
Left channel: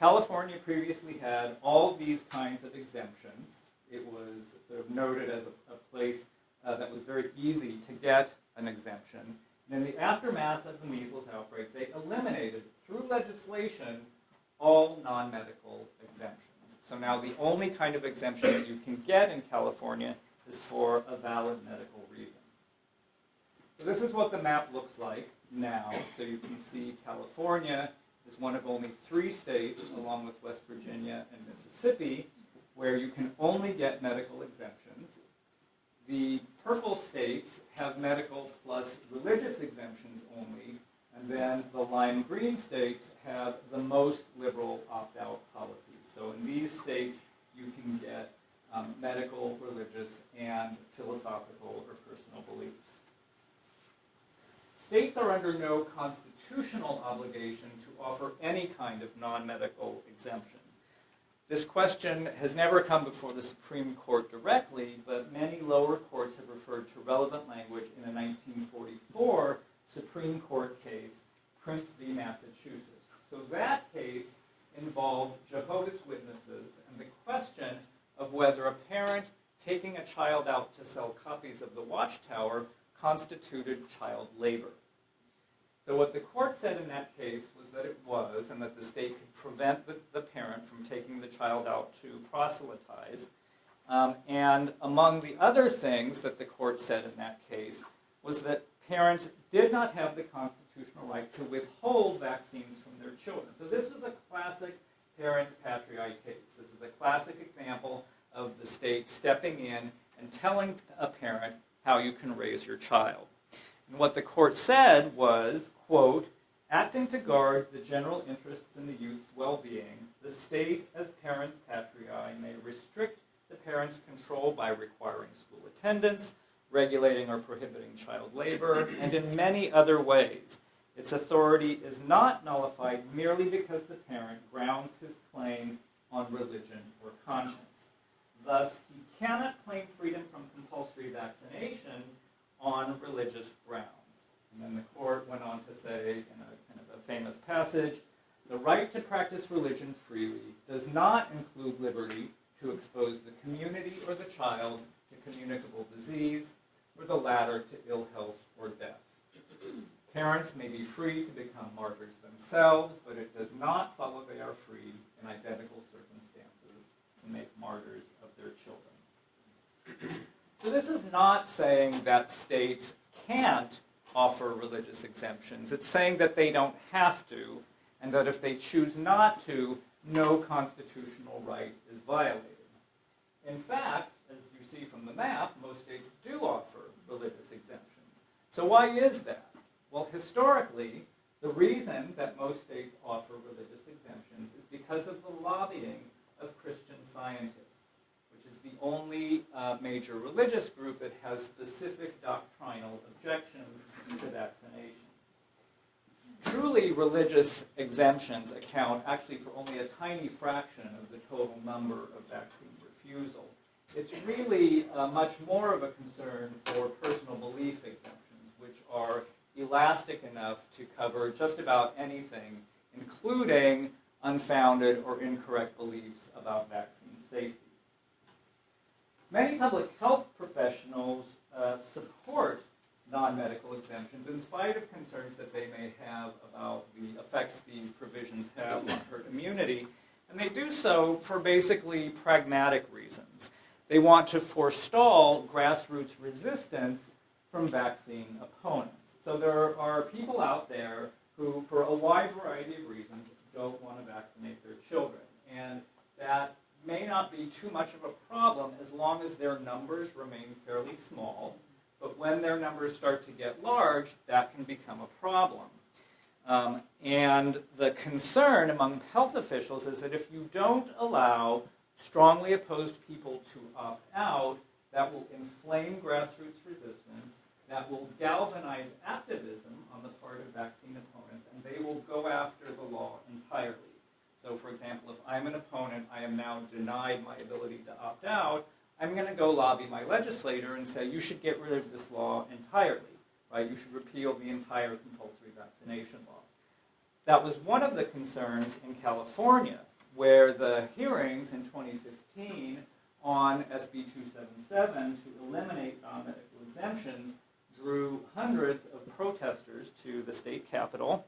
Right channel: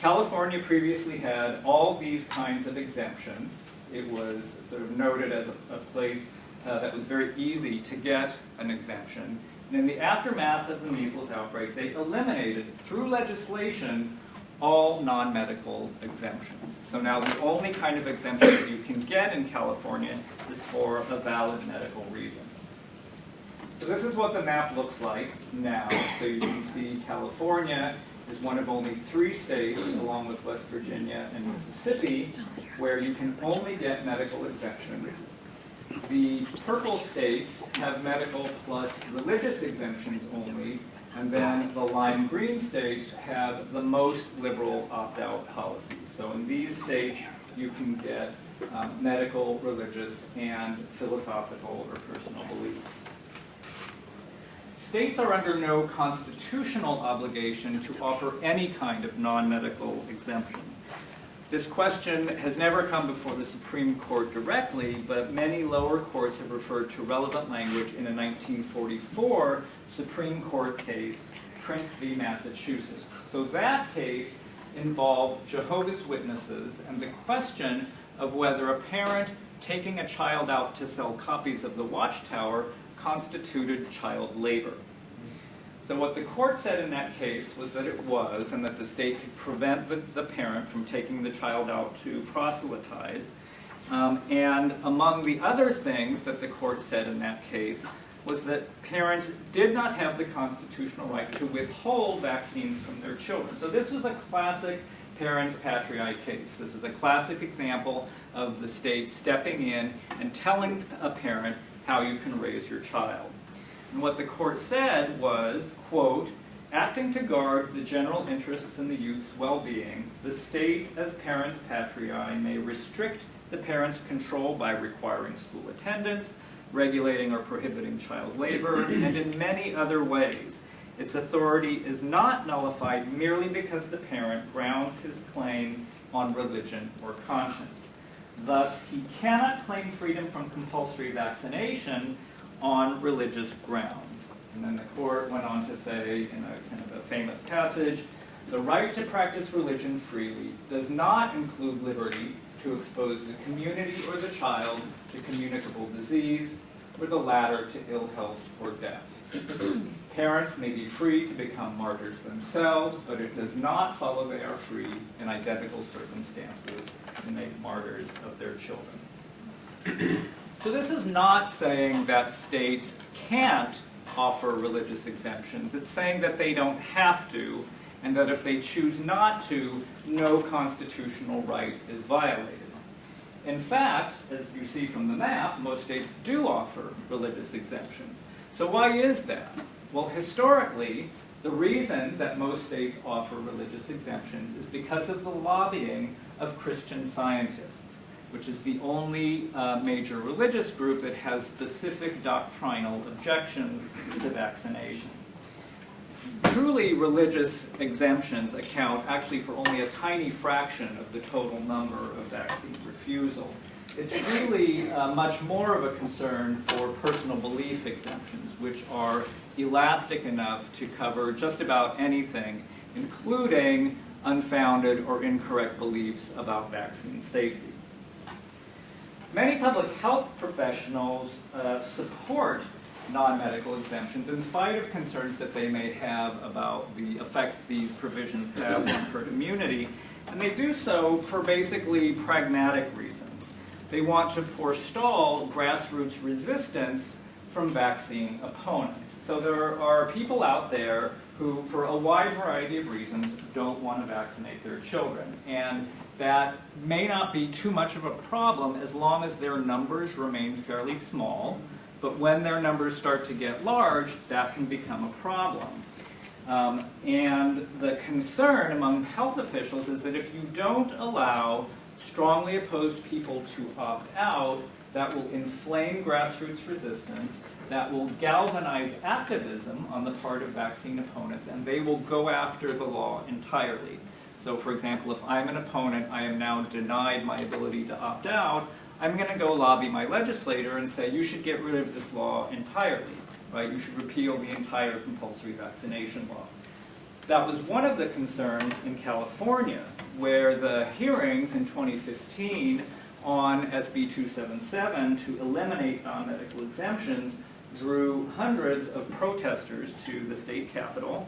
California previously had all these kinds of exemptions. It was sort of noted as a place that was very easy to get an exemption. And in the aftermath of the measles outbreak, they eliminated, through legislation, all non-medical exemptions. So now the only kind of exemption that you can get in California is for a valid medical reason. So this is what the map looks like now. So you can see California is one of only 3 states, along with West Virginia and Mississippi, where you can only get medical exemptions. The purple states have medical plus religious exemptions only, and then the lime green states have the most liberal opt-out policies. So in these states, you can get medical, religious, and philosophical or personal beliefs. States are under no constitutional obligation to offer any kind of non-medical exemption. This question has never come before the Supreme Court directly, but many lower courts have referred to relevant language in a 1944 Supreme Court case, Prince v. Massachusetts. So that case involved Jehovah's Witnesses and the question of whether a parent taking a child out to sell copies of the Watchtower constituted child labor. So what the court said in that case was that it was, and that the state could prevent the parent from taking the child out to proselytize. And among the other things that the court said in that case was that parents did not have the constitutional right to withhold vaccines from their children. So this was a classic parents patriae case. This is a classic example of the state stepping in and telling a parent how you can raise your child. And what the court said was, quote, acting to guard the general interests in the youth's well-being, the state, as parents patriae, may restrict the parent's control by requiring school attendance, regulating or prohibiting child labor, and in many other ways. Its authority is not nullified merely because the parent grounds his claim on religion or conscience. Thus, he cannot claim freedom from compulsory vaccination on religious grounds. And then the court went on to say, in a kind of a famous passage, the right to practice religion freely does not include liberty to expose the community or the child to communicable disease, or the latter to ill health or death. Parents may be free to become martyrs themselves, but it does not follow they are free in identical circumstances to make martyrs of their children. So this is not saying that states can't offer religious exemptions. It's saying that they don't have to, and that if they choose not to, no constitutional right is violated. In fact, as you see from the map, most states do offer religious exemptions. So why is that? Well, historically, the reason that most states offer religious exemptions is because of the lobbying of Christian Scientists, which is the only major religious group that has specific doctrinal objections to vaccination. Truly religious exemptions account actually for only a tiny fraction of the total number of vaccine refusal. It's really much more of a concern for personal belief exemptions, which are elastic enough to cover just about anything, including unfounded or incorrect beliefs about vaccine safety. Many public health professionals support non-medical exemptions in spite of concerns that they may have about the effects these provisions have on herd immunity, and they do so for basically pragmatic reasons. They want to forestall grassroots resistance from vaccine opponents. So there are people out there who, for a wide variety of reasons, don't want to vaccinate their children. And that may not be too much of a problem as long as their numbers remain fairly small. But when their numbers start to get large, that can become a problem. And the concern among health officials is that if you don't allow strongly opposed people to opt out, that will inflame grassroots resistance, that will galvanize activism on the part of vaccine opponents, and they will go after the law entirely. So for example, if I'm an opponent, I am now denied my ability to opt out, I'm going to go lobby my legislator and say, you should get rid of this law entirely, right? You should repeal the entire compulsory vaccination law. That was one of the concerns in California, where the hearings in 2015 on SB 277 to eliminate non-medical exemptions drew hundreds of protesters to the state capitol.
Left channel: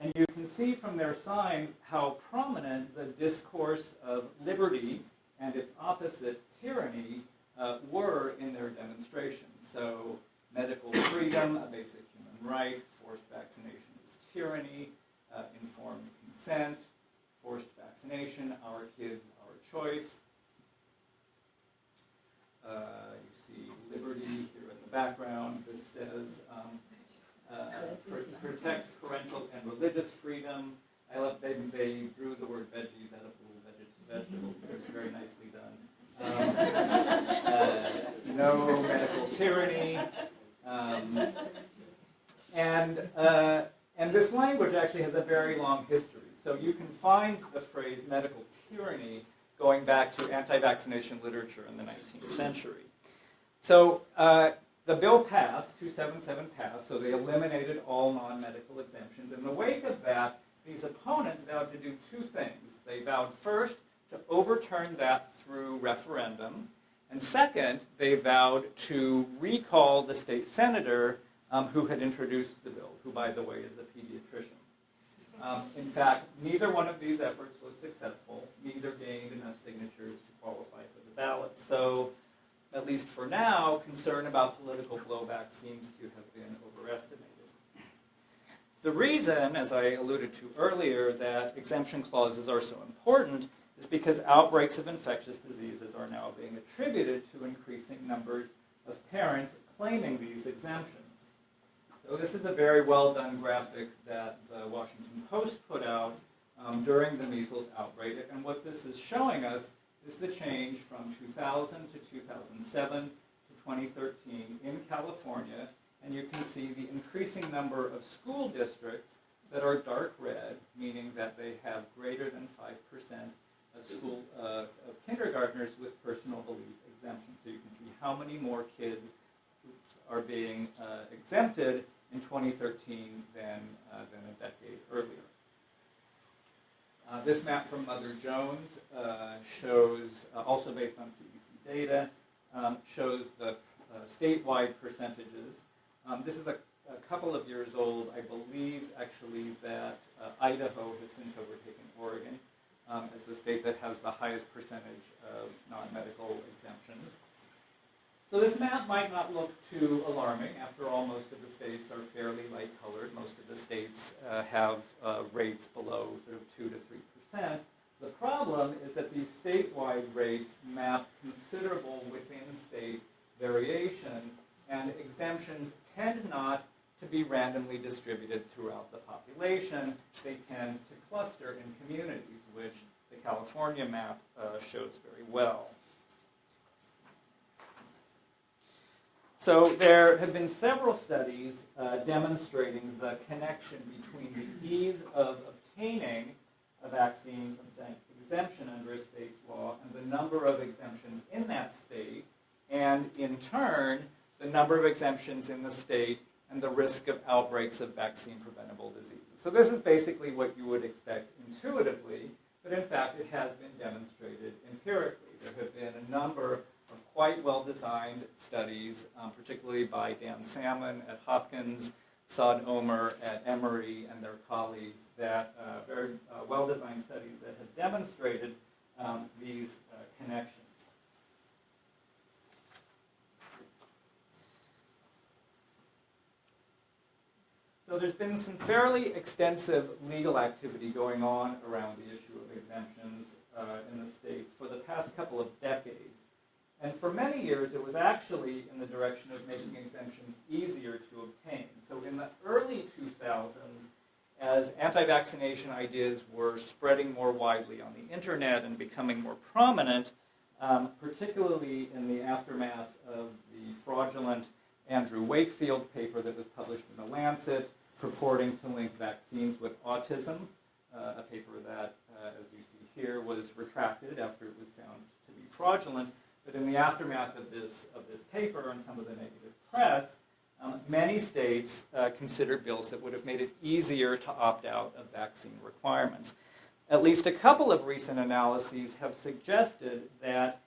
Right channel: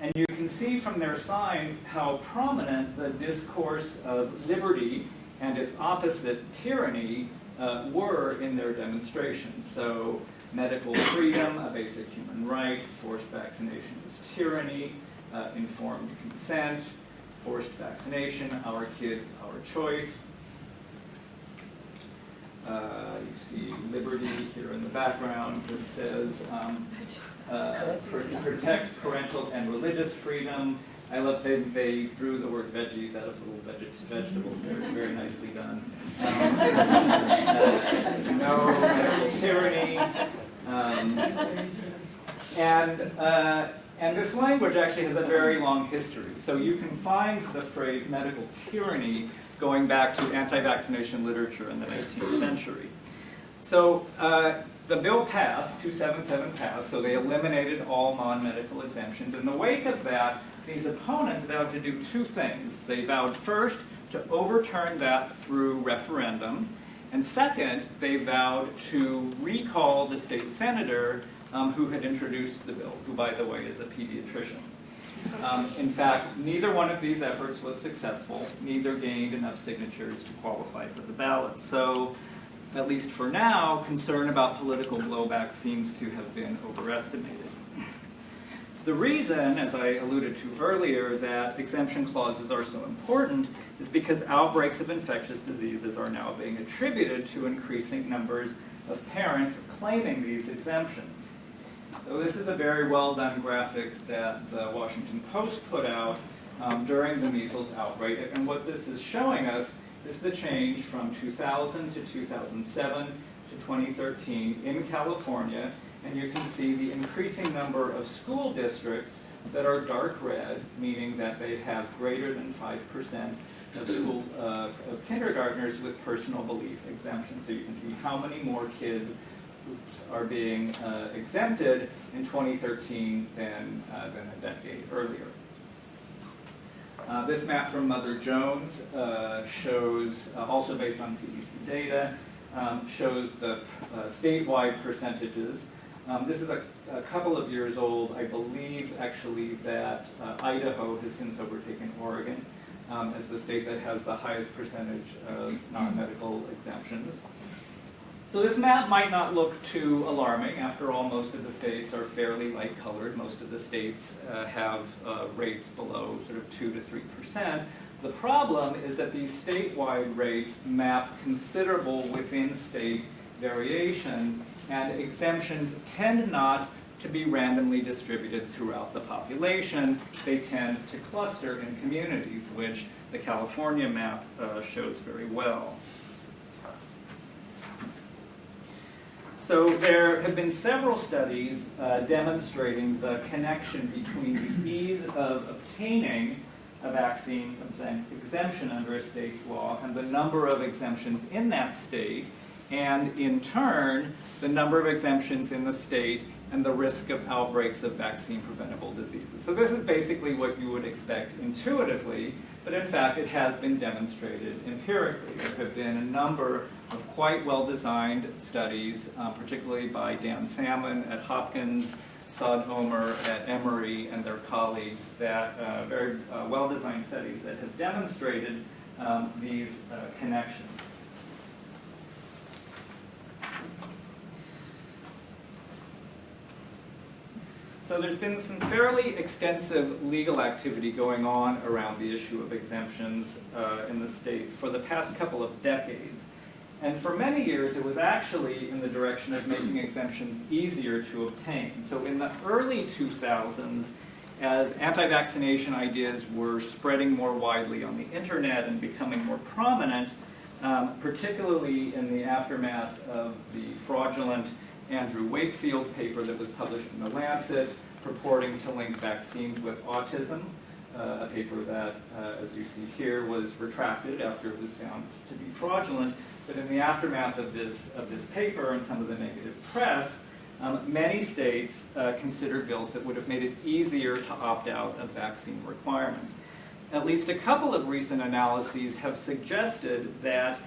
And you can see from their signs how prominent the discourse of liberty and its opposite, tyranny, were in their demonstrations. So medical freedom, a basic human right, forced vaccination is tyranny, informed consent, forced vaccination, our kids, our choice. You see liberty here in the background. This says protects parental and religious freedom. I love they drew the word veggies out of little vegetables there. It's very nicely done. No medical tyranny. And this language actually has a very long history. So you can find the phrase medical tyranny going back to anti-vaccination literature in the 19th century. So the bill passed, 277 passed, so they eliminated all non-medical exemptions. In the wake of that, these opponents vowed to do two things. They vowed first to overturn that through referendum, and second, they vowed to recall the state senator who had introduced the bill, who, by the way, is a pediatrician. In fact, neither one of these efforts was successful. Neither gained enough signatures to qualify for the ballot. So, at least for now, concern about political blowback seems to have been overestimated. The reason, as I alluded to earlier, that exemption clauses are so important is because outbreaks of infectious diseases are now being attributed to increasing numbers of parents claiming these exemptions. So this is a very well done graphic that the Washington Post put out during the measles outbreak, and what this is showing us is the change from 2000 to 2007 to 2013 in California, and you can see the increasing number of school districts that are dark red, meaning that they have greater than 5% of school of kindergartners with personal belief exemptions. So you can see how many more kids are being exempted in 2013 than a decade earlier. This map from Mother Jones shows, also based on CDC data, shows the statewide percentages. This is a couple of years old. I believe, actually, that Idaho has since overtaken Oregon as the state that has the highest percentage of non-medical exemptions. So this map might not look too alarming. After all, most of the states are fairly light-colored. Most of the states have rates below sort of 2 to 3%. The problem is that these statewide rates map considerable within-state variation, and exemptions tend not to be randomly distributed throughout the population. They tend to cluster in communities, which the California map shows very well. So there have been several studies demonstrating the connection between the ease of obtaining a vaccine exemption under a state's law and the number of exemptions in that state, and in turn, the number of exemptions in the state and the risk of outbreaks of vaccine-preventable diseases. So this is basically what you would expect intuitively, but in fact it has been demonstrated empirically. There have been a number of quite well-designed studies, particularly by Dan Salmon at Hopkins, Saad Omer at Emory, and their colleagues, that very well-designed studies that have demonstrated these connections. So there's been some fairly extensive legal activity going on around the issue of exemptions in the states for the past couple of decades. And for many years, it was actually in the direction of making exemptions easier to obtain. So in the early 2000s, as anti-vaccination ideas were spreading more widely on the internet and becoming more prominent, particularly in the aftermath of the fraudulent Andrew Wakefield paper that was published in The Lancet, purporting to link vaccines with autism, a paper that, as you see here, was retracted after it was found to be fraudulent. But in the aftermath of this paper and some of the negative press, many states considered bills that would have made it easier to opt out of vaccine requirements. At least a couple of recent analyses have suggested that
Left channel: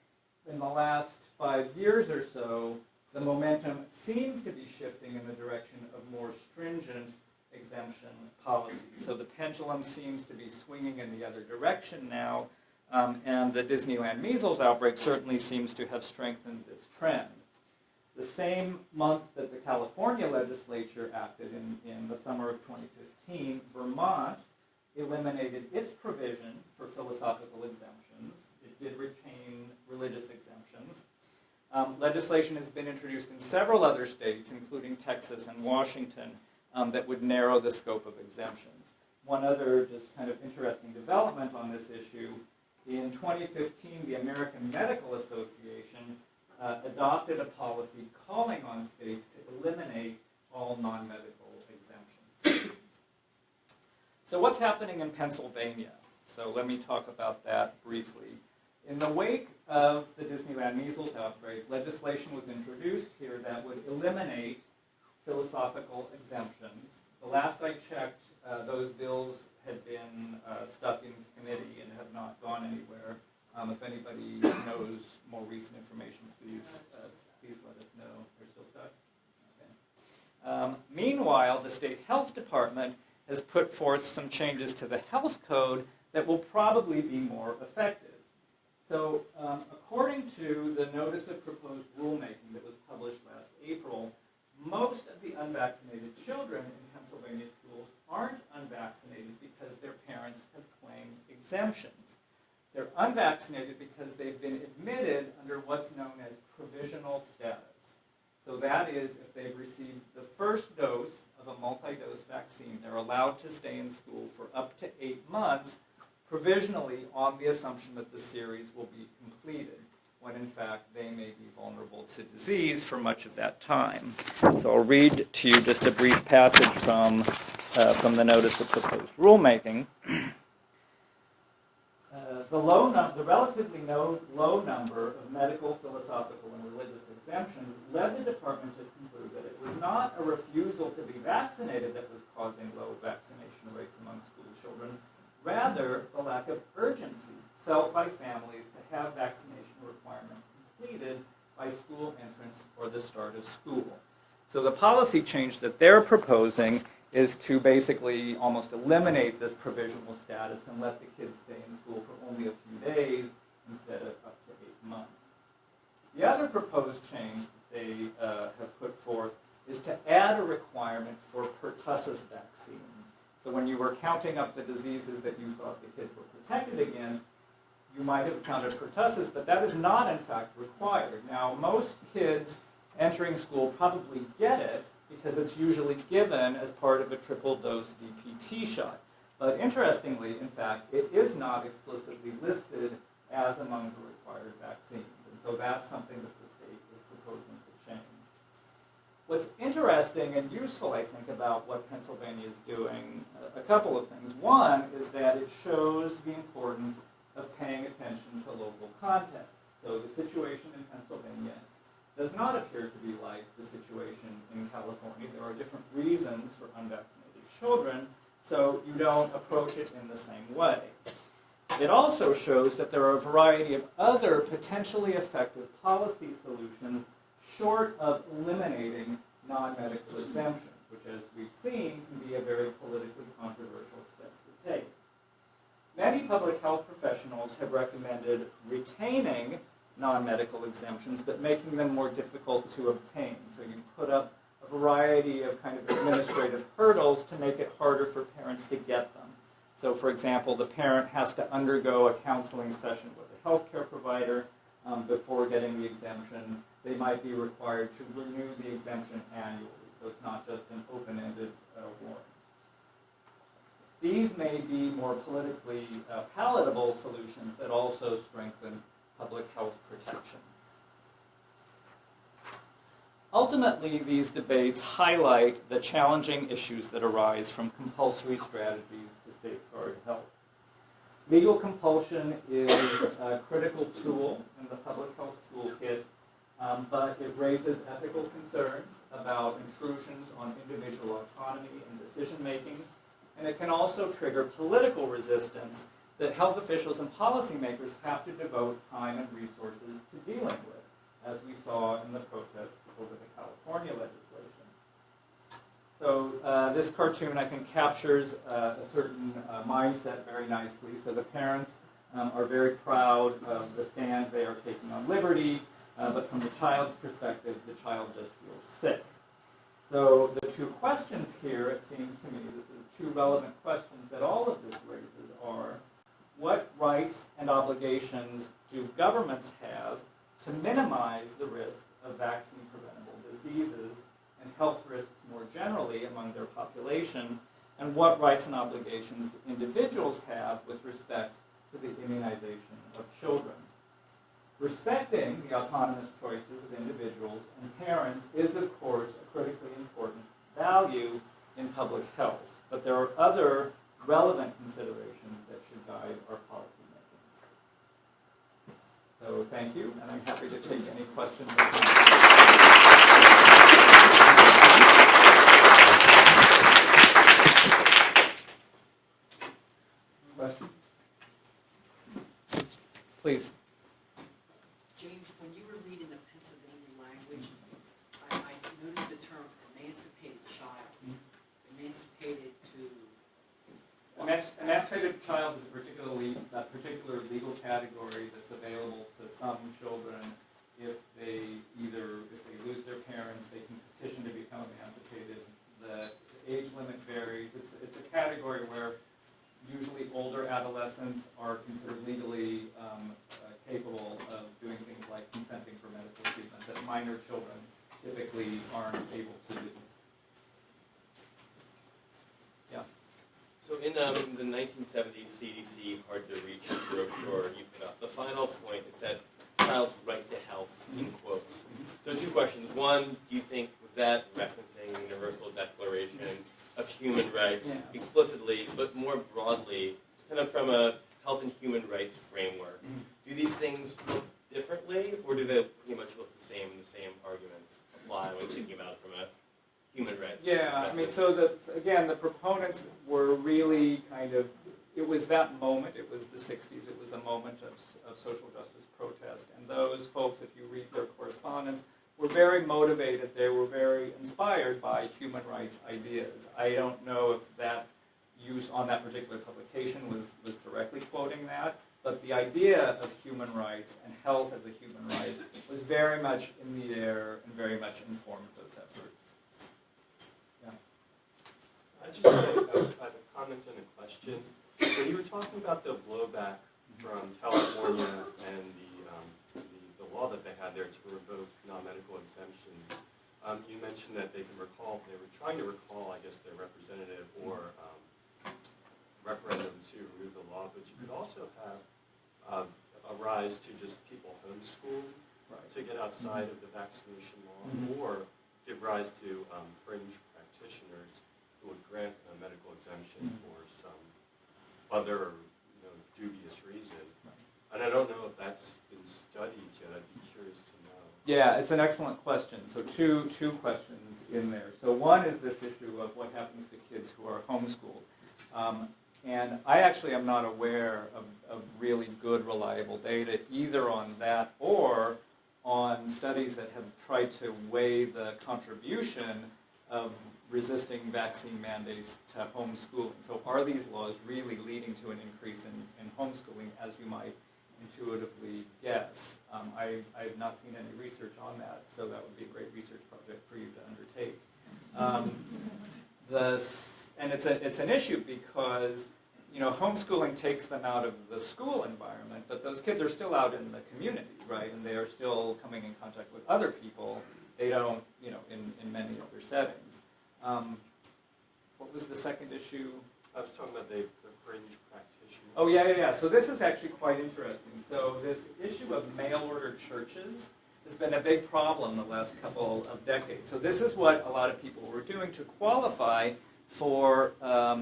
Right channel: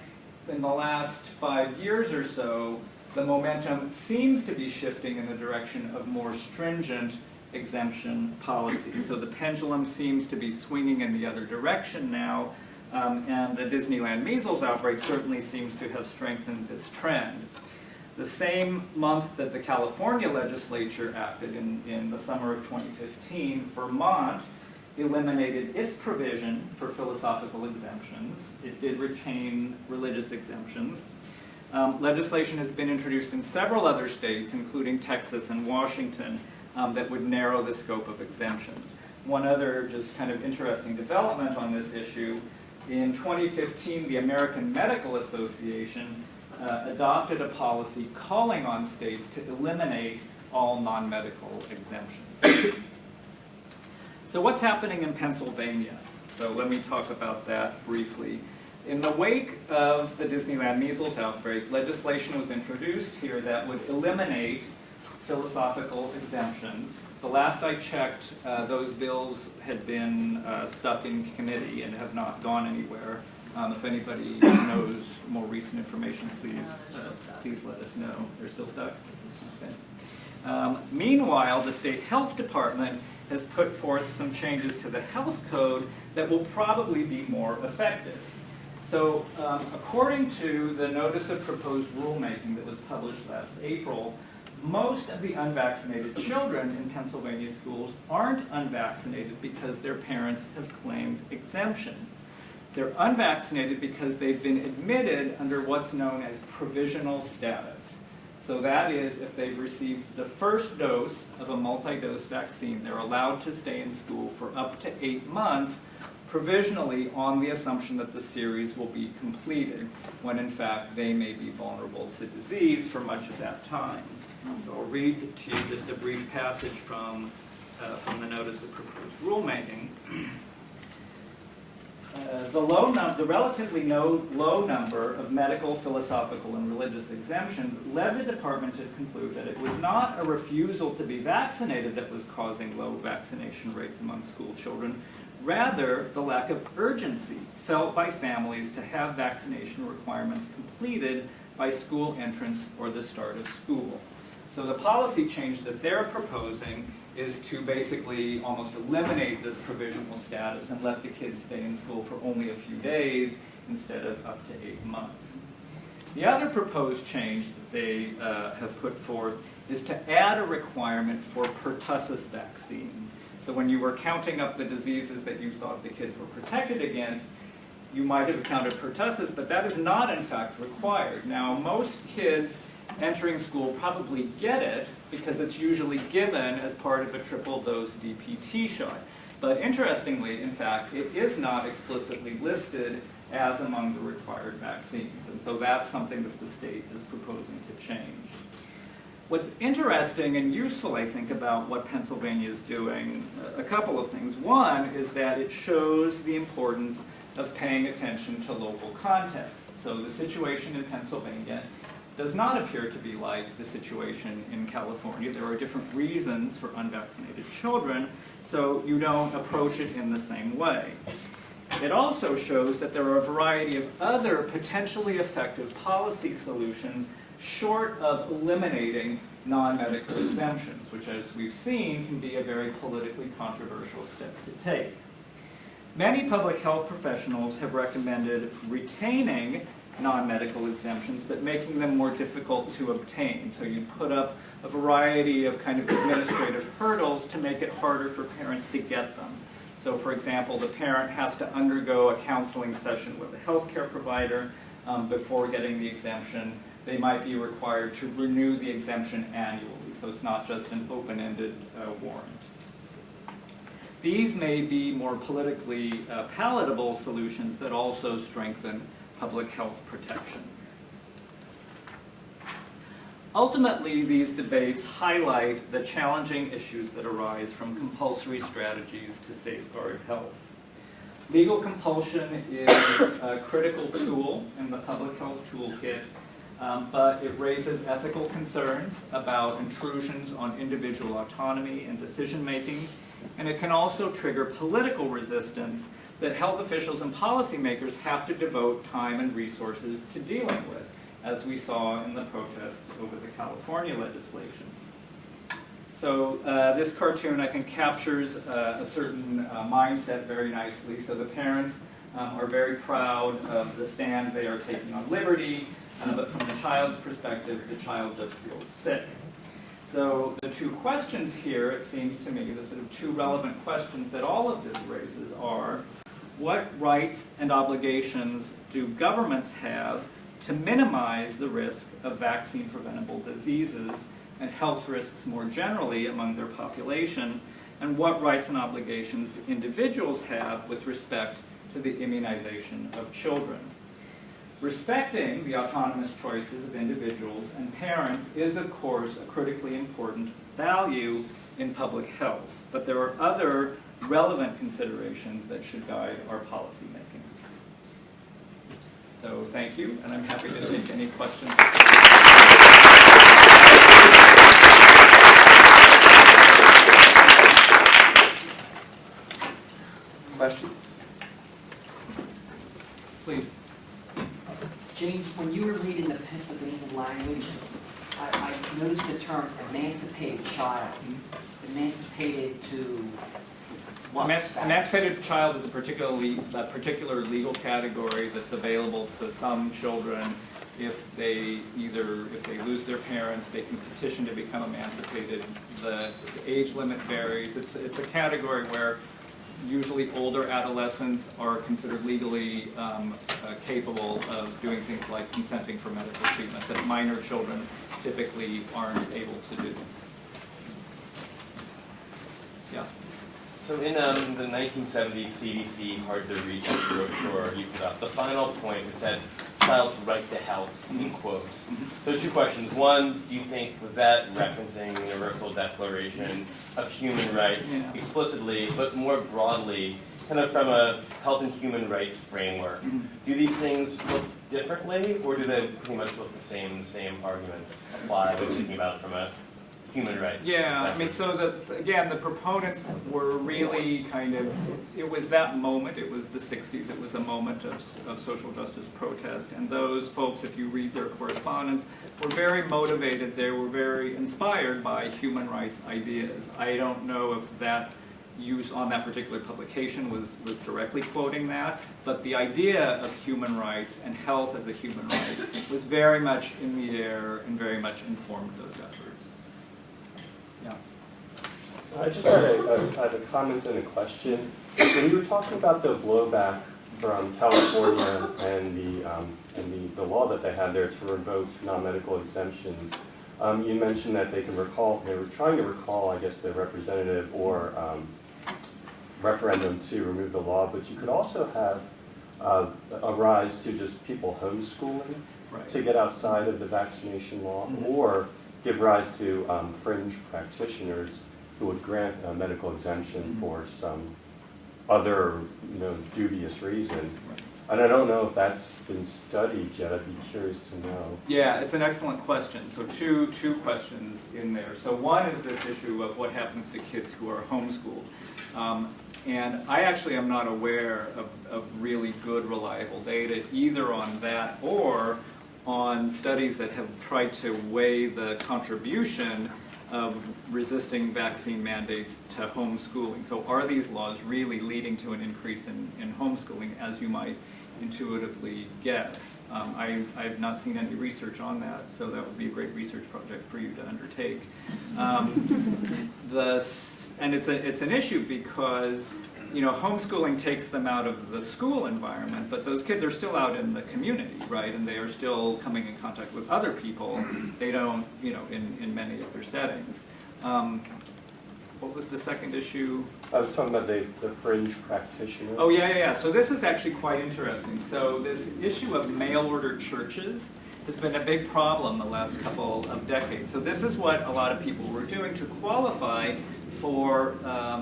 in the last 5 years or so, the momentum seems to be shifting in the direction of more stringent exemption policies. So the pendulum seems to be swinging in the other direction now, and the Disneyland measles outbreak certainly seems to have strengthened this trend. The same month that the California legislature acted in the summer of 2015, Vermont eliminated its provision for philosophical exemptions. It did retain religious exemptions. Legislation has been introduced in several other states, including Texas and Washington, that would narrow the scope of exemptions. One other just kind of interesting development on this issue, in 2015, the American Medical Association adopted a policy calling on states to eliminate all non-medical exemptions. So what's happening in Pennsylvania? So let me talk about that briefly. In the wake of the Disneyland measles outbreak, legislation was introduced here that would eliminate philosophical exemptions. The last I checked, those bills had been stuck in committee and have not gone anywhere. If anybody knows more recent information, please let us know. They're still stuck? Okay. Meanwhile, the state health department has put forth some changes to the health code that will probably be more effective. So according to the notice of proposed rulemaking that was published last April, most of the unvaccinated children in Pennsylvania schools aren't unvaccinated because their parents have claimed exemptions. They're unvaccinated because they've been admitted under what's known as provisional status. So that is, if they've received the first dose of a multi-dose vaccine, they're allowed to stay in school for up to 8 months, provisionally on the assumption that the series will be completed, when in fact they may be vulnerable to disease for much of that time. So I'll read to you just a brief passage from the notice of proposed rulemaking. The relatively low number of medical, philosophical, and religious exemptions led the department to conclude that it was not a refusal to be vaccinated that was causing low vaccination rates among school children, rather the lack of urgency felt by families to have vaccination requirements completed by school entrance or the start of school. So the policy change that they're proposing is to basically almost eliminate this provisional status and let the kids stay in school for only a few days instead of up to 8 months. The other proposed change that they have put forth is to add a requirement for pertussis vaccine. So when you were counting up the diseases that you thought the kids were protected against, you might have counted pertussis, but that is not in fact required. Now, most kids entering school probably get it because it's usually given as part of a triple dose DPT shot. But interestingly, in fact, it is not explicitly listed as among the required vaccines. And so that's something that the state is proposing to change. What's interesting and useful, I think, about what Pennsylvania is doing, a couple of things. One is that it shows the importance of paying attention to local context. So the situation in Pennsylvania does not appear to be like the situation in California. There are different reasons for unvaccinated children, so you don't approach it in the same way. It also shows that there are a variety of other potentially effective policy solutions short of eliminating non-medical exemptions, which, as we've seen, can be a very politically controversial step to take. Many public health professionals have recommended retaining non-medical exemptions, but making them more difficult to obtain. So you put up a variety of kind of administrative hurdles to make it harder for parents to get them. So for example, the parent has to undergo a counseling session with a healthcare provider before getting the exemption. They might be required to renew the exemption annually, so it's not just an open-ended warrant. These may be more politically palatable solutions that also strengthen public health protection. Ultimately, these debates highlight the challenging issues that arise from compulsory strategies to safeguard health. Legal compulsion is a critical tool in the public health toolkit, but it raises ethical concerns about intrusions on individual autonomy and decision-making, and it can also trigger political resistance that health officials and policymakers have to devote time and resources to dealing with, as we saw in the protests over the California legislation. So this cartoon, I think, captures a certain mindset very nicely. So the parents are very proud of the stand they are taking on liberty, but from the child's perspective, the child just feels sick. So the two questions here, it seems to me, the sort of two relevant questions that all of this raises are, what rights and obligations do governments have to minimize the risk of vaccine-preventable diseases and health risks more generally among their population, and what rights and obligations do individuals have with respect to the immunization of children? Respecting the autonomous choices of individuals and parents is, of course, a critically important value in public health, but there are other relevant considerations that should guide our policymaking. So thank you, and I'm happy to take any questions. Questions? Please. James, when you were reading the Pennsylvania language, I noticed the term emancipated child. Emancipated to what? Emancipated child is a particular legal category that's available to some children. If they lose their parents, they can petition to become emancipated. The age limit varies. It's a category where usually older adolescents are considered legally capable of doing things like consenting for medical treatment that minor children typically aren't able to do. Yeah. So in the 1970s CDC Hard to Reach brochure you put up, the final point is that child's right to health, in quotes. So two questions. One, do you think, was that referencing the Universal Declaration of Human Rights explicitly, but more broadly, kind of from a health and human rights framework? Do these things look differently, or do they pretty much look the same arguments apply when thinking about it from a human rights? Yeah, I mean, so again, the proponents were really kind of, it was that moment, it was the 60s, it was a moment of social justice protest, and those folks, if you read their correspondence, were very motivated, they were very inspired by human rights ideas. I don't know if that use on that particular publication was directly quoting that, but the idea of human rights and health as a human right was very much in the air and very much informed those efforts. I just had a comment and a question. When you were talking about the blowback from California and the law that they had there to revoke non-medical exemptions, you mentioned that they were trying to recall, I guess, the representative or referendum to remove the law, but you could also have a rise to just people homeschooling to get outside of the vaccination law, or give rise to fringe practitioners who would grant a medical exemption for some other, dubious reason. And I don't know if that's been studied yet. I'd be curious to know. Yeah, it's an excellent question. So two questions in there. So one is this issue of what happens to kids who are homeschooled. And I actually am not aware of really good, reliable data either on that or on studies that have tried to weigh the contribution of resisting vaccine mandates to homeschooling. So are these laws really leading to an increase in homeschooling, as you might intuitively guess? I've not seen any research on that, so that would be a great research project for you to undertake. And it's an issue because homeschooling takes them out of the school environment, but those kids are still out in the community, right? And they are still coming in contact with other people. They don't, in many other settings. What was the second issue? I was talking about the fringe practitioners. Oh, yeah. So this is actually quite interesting. So this issue of mail-order churches has been a big problem the last couple of decades. So this is what a lot of people were doing to qualify for a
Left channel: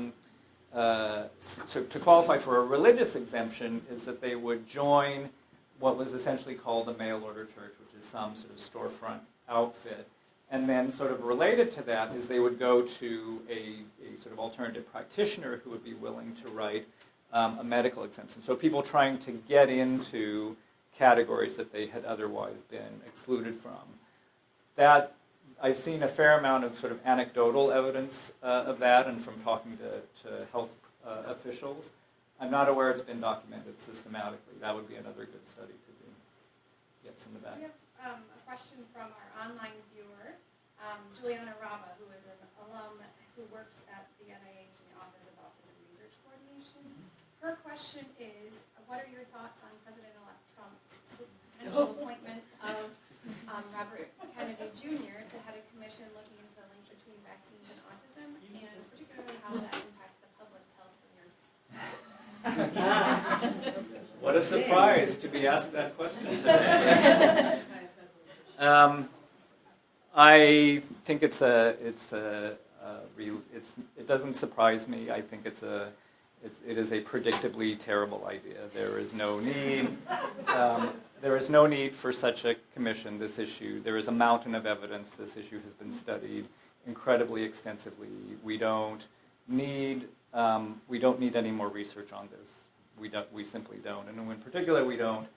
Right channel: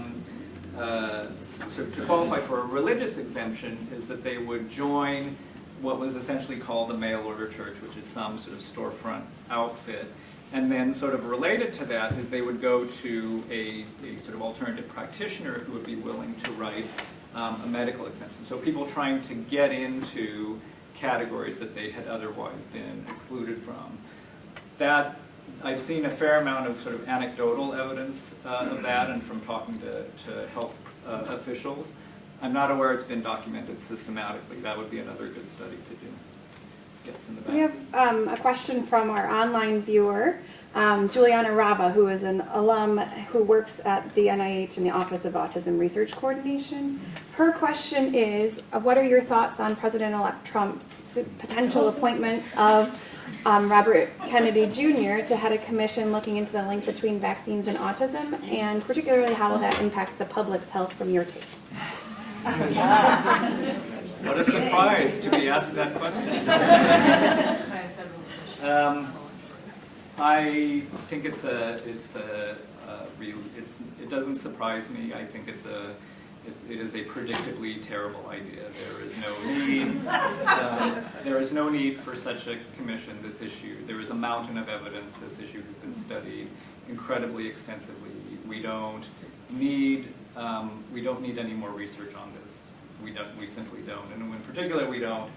religious exemption, is that they would join what was essentially called the mail-order church, which is some sort of storefront outfit. And then sort of related to that is they would go to a sort of alternative practitioner who would be willing to write a medical exemption. So people trying to get into categories that they had otherwise been excluded from. That, I've seen a fair amount of sort of anecdotal evidence of that, and from talking to health officials. I'm not aware it's been documented systematically. That would be another good study to do. Yes, in the back. We have a question from our online viewer, Juliana Rava, who is an alum who works at the NIH in the Office of Autism Research Coordination. Her question is, what are your thoughts on President-elect Trump's potential appointment of Robert Kennedy Jr. to head a commission looking into the link between vaccines and autism, and particularly how will that impact the public's health from your take? What a surprise to be asked that question. I think it doesn't surprise me. I think it's It is a predictably terrible idea. There is no need. There is no need for such a commission. This issue, there is a mountain of evidence. This issue has been studied incredibly extensively. We don't need any more research on this. We simply don't. And in particular, we don't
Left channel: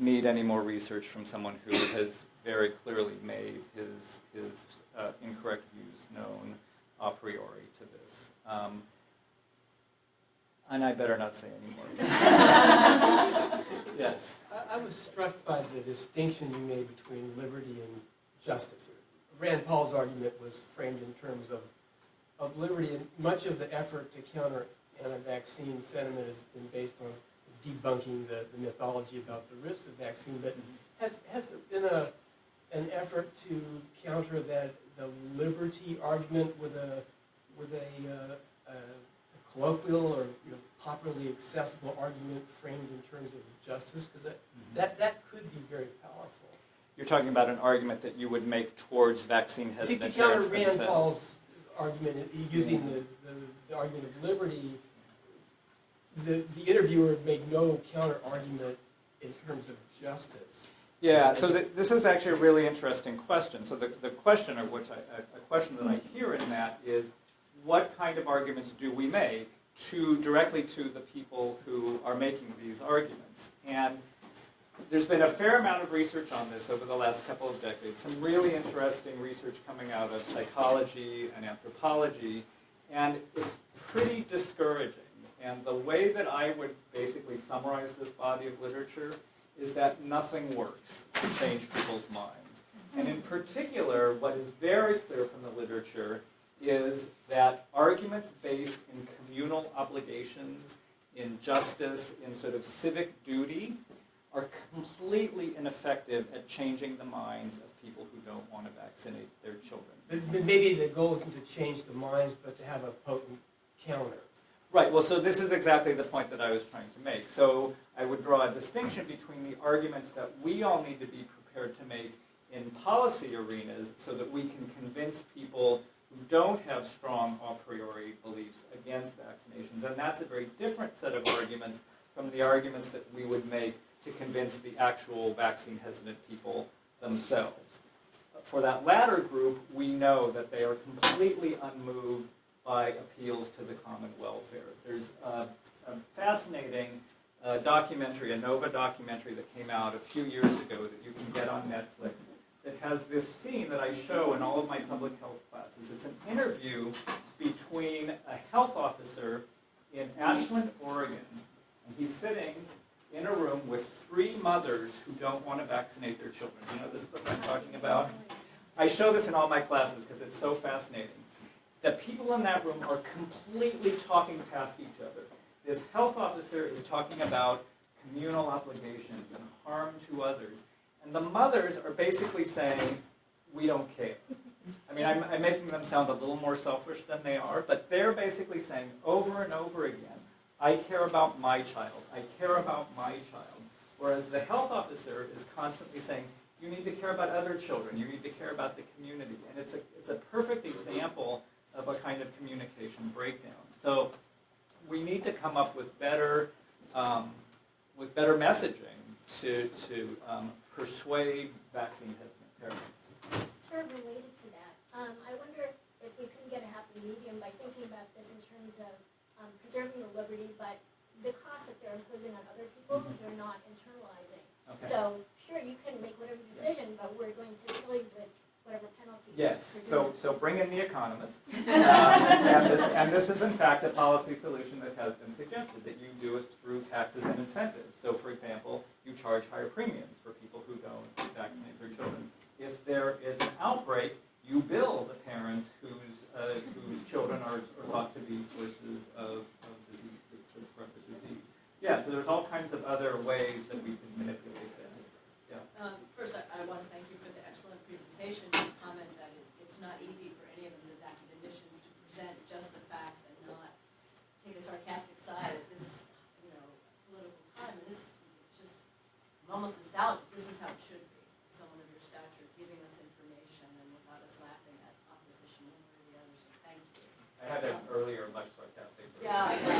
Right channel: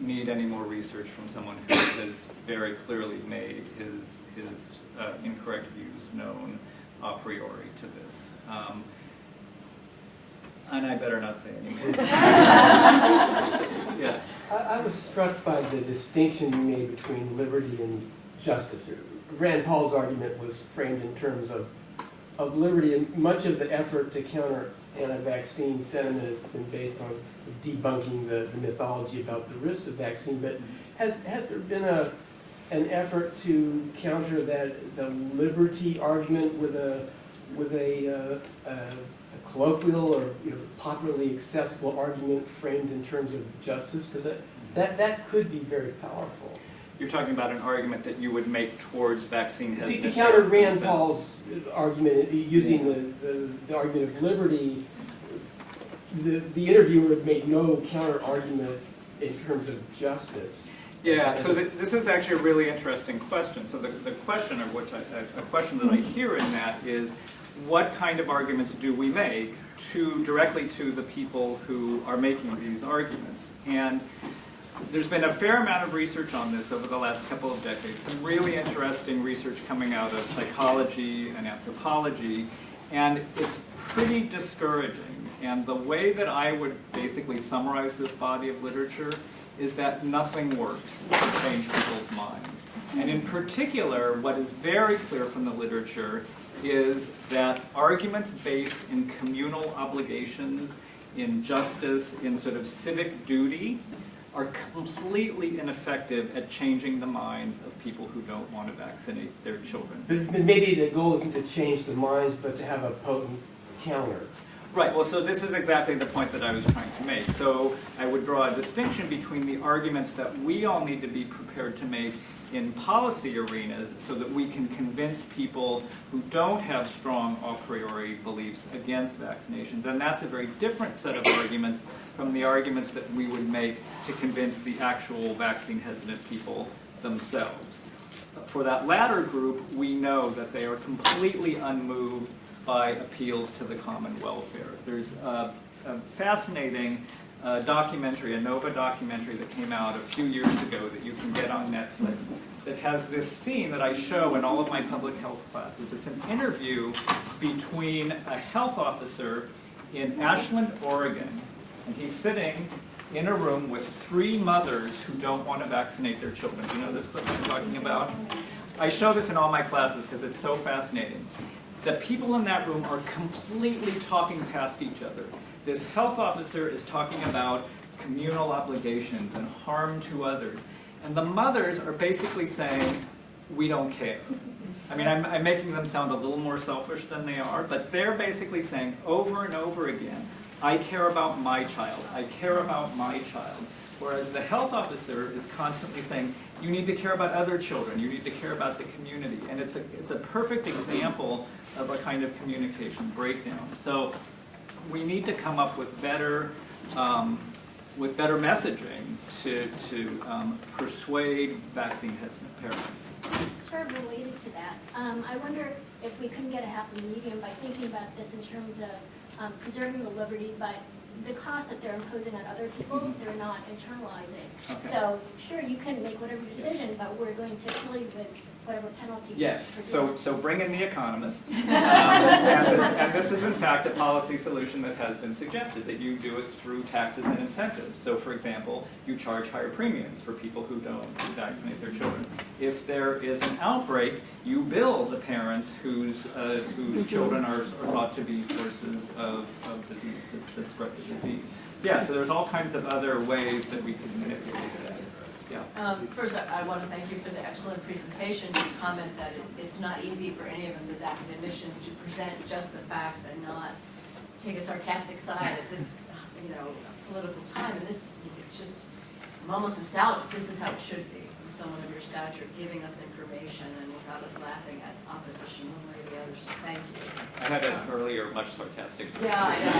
need any more research from someone who has very clearly made his incorrect views known a priori to this. And I better not say anything. Yes. I was struck by the distinction you made between liberty and justice. Rand Paul's argument was framed in terms of liberty, and much of the effort to counter anti-vaccine sentiment has been based on debunking the mythology about the risks of vaccine. But has there been an effort to counter the liberty argument with a colloquial or popularly accessible argument framed in terms of justice? Because that could be very powerful. You're talking about an argument that you would make towards vaccine hesitant. To counter Rand Paul's argument, using the argument of liberty, the interviewer made no counter argument in terms of justice. Yeah, so this is actually a really interesting question. So the question, or a question that I hear in that is, what kind of arguments do we make directly to the people who are making these arguments? And there's been a fair amount of research on this over the last couple of decades. Some really interesting research coming out of psychology and anthropology, and it's pretty discouraging. And the way that I would basically summarize this body of literature is that nothing works to change people's minds. And in particular, what is very clear from the literature is that arguments based in communal obligations, in justice, in sort of civic duty, are completely ineffective at changing the minds of people who don't want to vaccinate their children. But maybe the goal isn't to change the minds, but to have a potent counter. Right, well, so this is exactly the point that I was trying to make. So I would draw a distinction between the arguments that we all need to be prepared to make in policy arenas so that we can convince people who don't have strong a priori beliefs against vaccinations. And that's a very different set of arguments from the arguments that we would make to convince the actual vaccine hesitant people themselves. For that latter group, we know that they are completely unmoved by appeals to the common welfare. There's a fascinating documentary, a NOVA documentary that came out a few years ago that you can get on Netflix that has this scene that I show in all of my public health classes. It's an interview between a health officer in Ashland, Oregon, and he's sitting in a room with 3 mothers who don't want to vaccinate their children. You know this clip I'm talking about? I show this in all my classes because it's so fascinating. The people in that room are completely talking past each other. This health officer is talking about communal obligations and harm to others. And the mothers are basically saying, we don't care. I mean, I'm making them sound a little more selfish than they are, but they're basically saying over and over again, I care about my child, I care about my child. Whereas the health officer is constantly saying, you need to care about other children, you need to care about the community. And it's a perfect example of a kind of communication breakdown. So we need to come up with better messaging to persuade vaccine hesitant parents. Sort of related to that, I wonder if we couldn't get a happy medium by thinking about this in terms of preserving the liberty, but the cost that they're imposing on other people, they're not internalizing. Okay. So sure, you can make whatever decision, but we're going to kill you with whatever penalty. Yes, so bring in the economists. And this is in fact a policy solution that has been suggested, that you do it through taxes and incentives. So for example, you charge higher premiums for people who don't vaccinate their children. If there is an outbreak, you bill the parents whose children are thought to be sources of disease, that spread the disease. Yeah, so there's all kinds of other ways that we can manipulate it. Yeah. First, I want to thank you for the excellent presentation. Just comment that it's not easy for any of us as academicians to present just the facts and not take a sarcastic side at this, political time. And this, just, I'm almost nostalgic. This is how it should be. someone of your stature giving us information and without us laughing at opposition one way or the other, so thank you. I had an earlier, much sarcastic. Yeah, I know.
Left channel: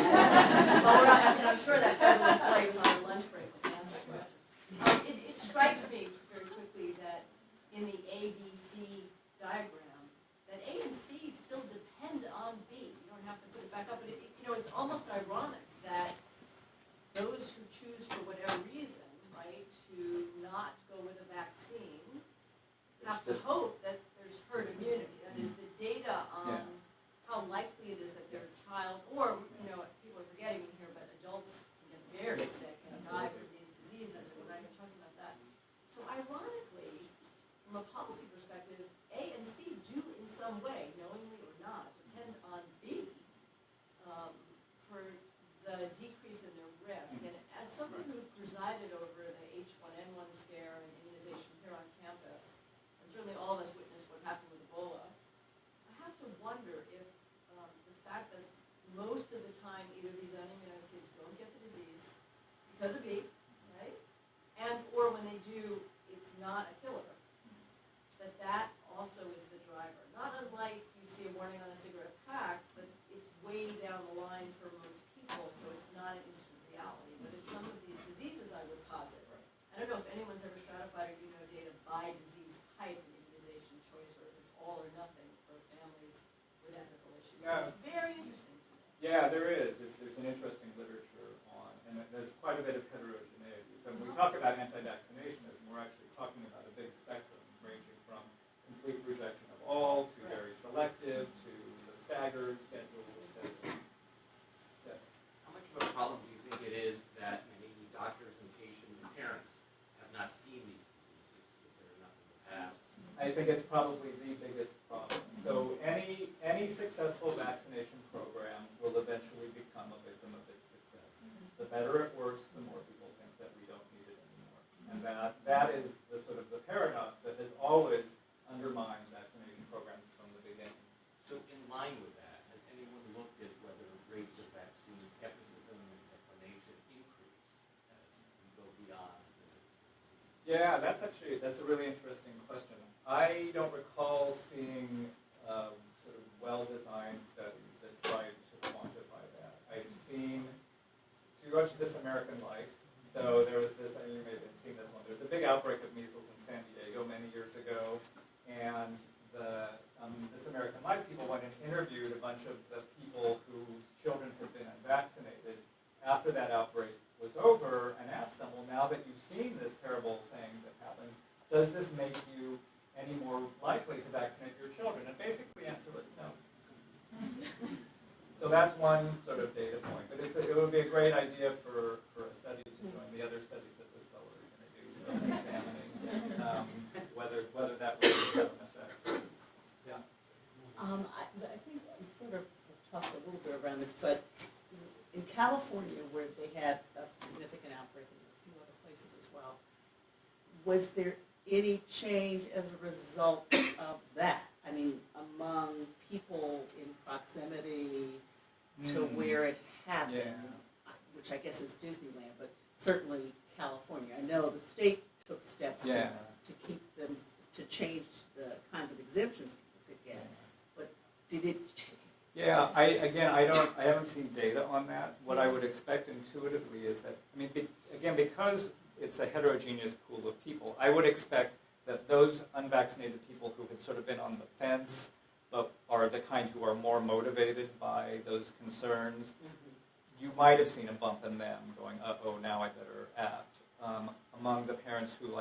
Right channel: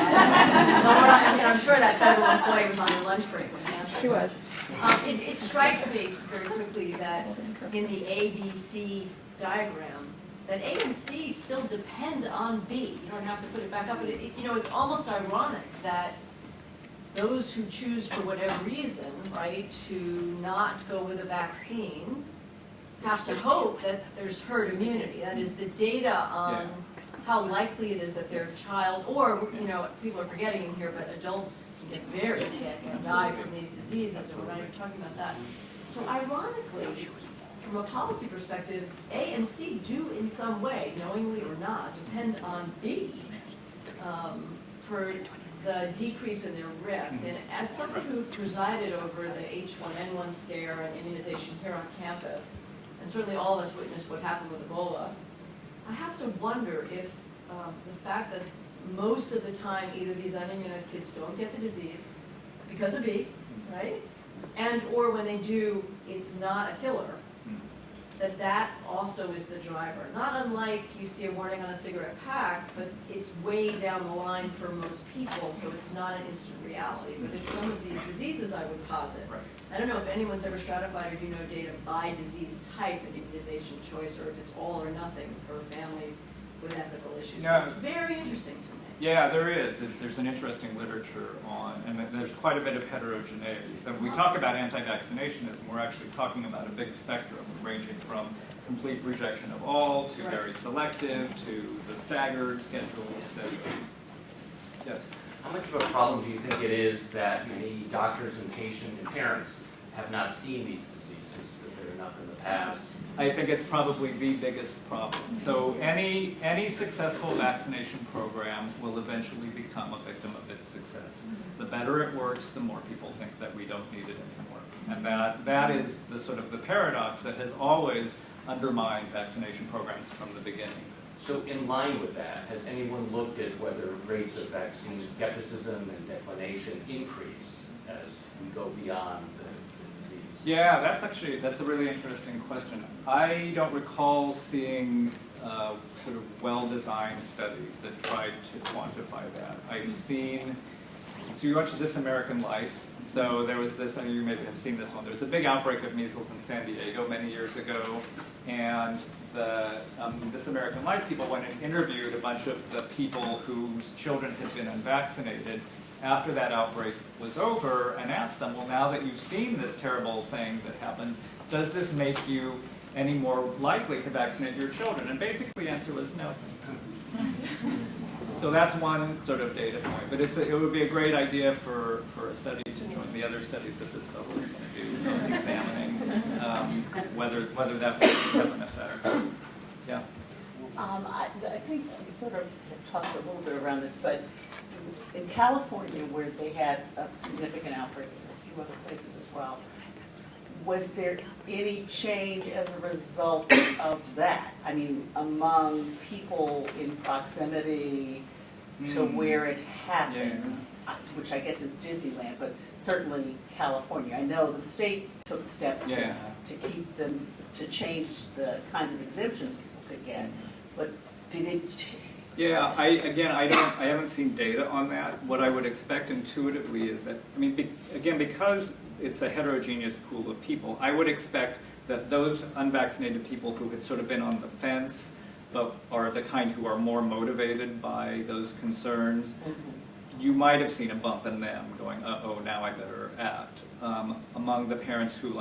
But we're not, I mean, I'm sure that federal employee was on your lunch break when he asked that She was. question. It strikes me very quickly that in the ABC diagram, that A and C still depend on B. You don't have to put it back up, but it's almost ironic that those who choose for whatever reason, right, to not go with a vaccine have to hope that there's herd immunity. That is, the data on how likely it is that their child, or, people are forgetting in here, but adults can get very sick and die from these diseases, and we're not even talking about that. So ironically, from a policy perspective, A and C do in some way, knowingly or not, depend on B for the decrease in their risk. And as someone who presided over the H1N1 scare and immunization here on campus, and certainly all of us witnessed what happened with Ebola, I have to wonder if the fact that most of the time either these unimmunized kids don't get the disease because of B, right? And or when they do, it's not a killer, that also is the driver. Not unlike you see a warning on a cigarette pack, but it's way down the line for most people, so it's not an instant reality. But if some of these diseases, I would posit, I don't know if anyone's ever stratified or data by disease type and immunization choice, or if it's all or nothing for families with ethical issues. Yeah. But it's very interesting to me. Yeah, there is. There's an interesting literature on, and there's quite a bit of heterogeneity. So when we talk about anti-vaccinationism, we're actually talking about a big spectrum ranging from complete rejection of all to very selective to the staggered schedule, etc. Yes? How much of a problem do you think it is that many doctors and patients and parents have not seen these diseases, that they're enough in the past? I think it's probably the biggest problem. So any successful vaccination program will eventually become a victim of its success. The better it works, the more people think that we don't need it anymore. And that is the sort of the paradox that has always undermined vaccination programs from the beginning. So in line with that, has anyone looked at whether rates of vaccine skepticism and declination increase as we go beyond the disease? Yeah, that's a really interesting question. I don't recall seeing sort of well-designed studies that tried to quantify that. I've seen, so you watched This American Life. So there was this, you maybe have seen this one, there was a big outbreak of measles in San Diego many years ago, and the This American Life people went and interviewed a bunch of the people whose children had been unvaccinated after that outbreak was over and asked them, well, now that you've seen this terrible thing that happened, does this make you any more likely to vaccinate your children? And basically the answer was no. So that's one sort of data point, but it would be a great idea for a study to join the other studies that this fellow is going to do, examining whether that would have an effect. Yeah. I think we sort of talked a little bit around this, but in California, where they had a significant outbreak, and a few other places as well, was there any change as a result of that? I mean, among people in proximity to where it happened, which I guess is Disneyland, but certainly California. I know the state took steps to keep them, to change the kinds of exemptions people could get, but did it? Yeah, I haven't seen data on that. What I would expect intuitively is that, I mean, again, because it's a heterogeneous pool of people, I would expect that those unvaccinated people who had sort of been on the fence, but are the kind who are more motivated by those concerns, you might have seen a bump in them going, uh-oh, now I better act. Among the parents who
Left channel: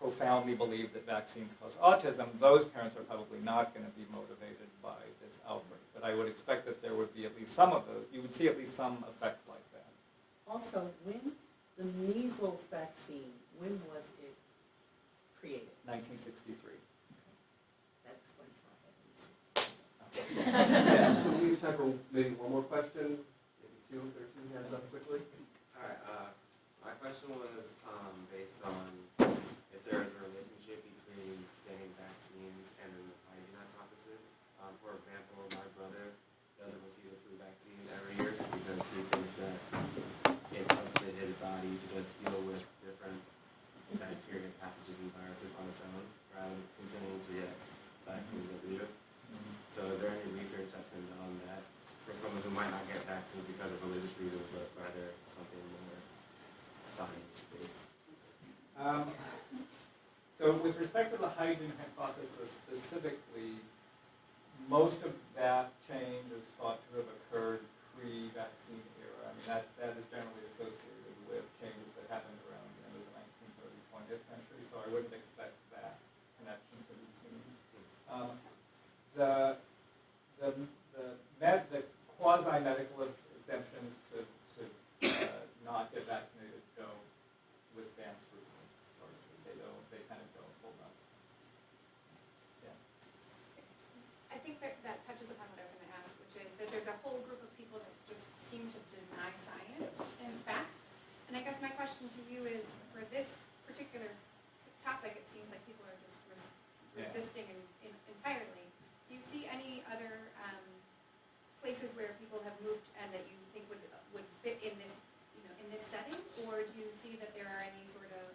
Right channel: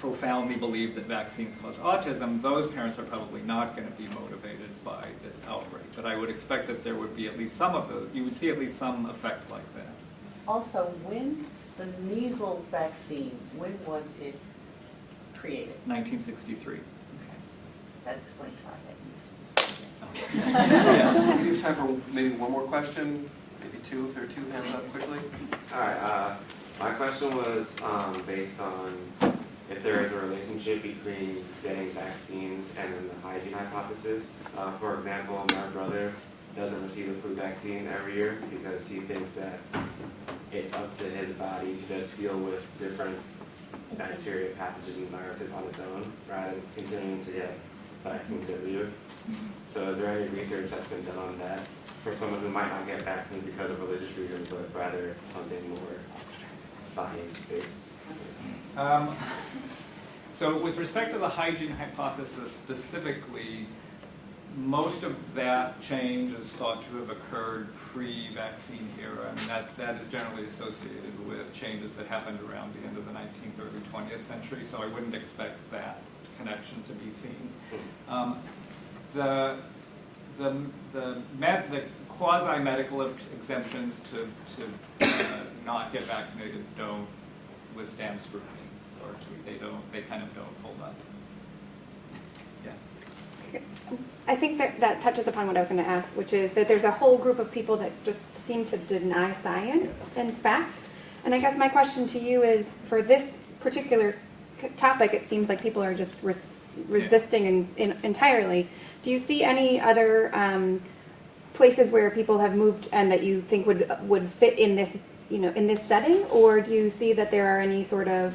profoundly believe that vaccines cause autism, those parents are probably not going to be motivated by this outbreak. But I would expect that there would be at least some of those, you would see at least some effect like that. Also, when the measles vaccine, when was it created? 1963. Okay. That explains why I had measles. Yes. We have time for maybe one more question, maybe two, if there are two hands up quickly. All right, my question was based on if there is a relationship between getting vaccines and then the hygiene hypothesis. For example, my brother doesn't receive the flu vaccine every year because he thinks that it's up to his body to just deal with different bacteria, pathogens, and viruses on its own, rather than continuing to get vaccines every year. So is there any research that's been done on that for someone who might not get vaccines because of religious reasons, but rather something more science-based? So with respect to the hygiene hypothesis specifically, most of that change is thought to have occurred pre-vaccine era. I mean, that is generally associated with changes that happened around the end of the 19th, early 20th century, so I wouldn't expect that connection to be seen. The quasi-medical exemptions to not get vaccinated don't withstand scrutiny. Largely, they kind of don't hold up. Yeah. I think that touches upon what I was going to ask, which is that there's a whole group of people that just seem to deny science and fact. And I guess my question to you is, for this particular topic, it seems like people are just resisting entirely. Do you see any other places where people have moved and that you think would fit in this, in this setting, or do you see that there are any sort of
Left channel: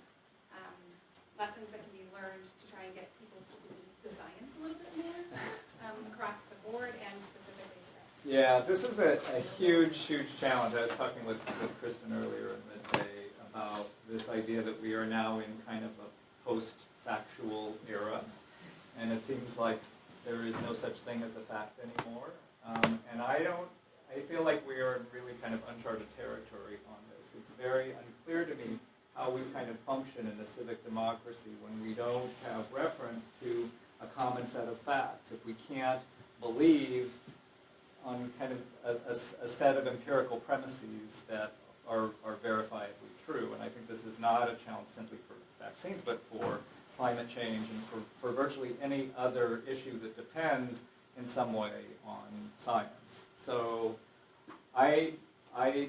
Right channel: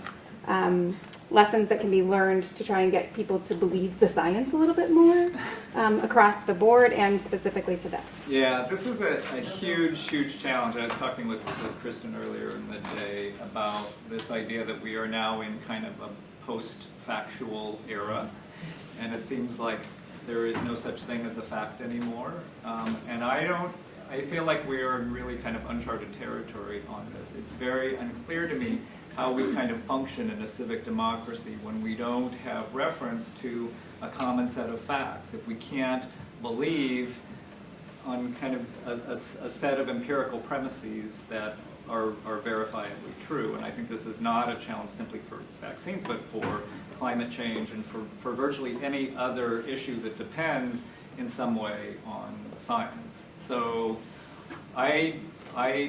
lessons that can be learned to try and get people to believe the science a little bit more across the board and specifically to this? Yeah, this is a huge, huge challenge. I was talking with Kristen earlier in the day about this idea that we are now in kind of a post-factual era, and it seems like there is no such thing as a fact anymore. And I feel like we are in really kind of uncharted territory on this. It's very unclear to me how we kind of function in a civic democracy when we don't have reference to a common set of facts. If we can't believe on kind of a set of empirical premises that are verifiably true. And I think this is not a challenge simply for vaccines, but for climate change and for virtually any other issue that depends in some way on science. So I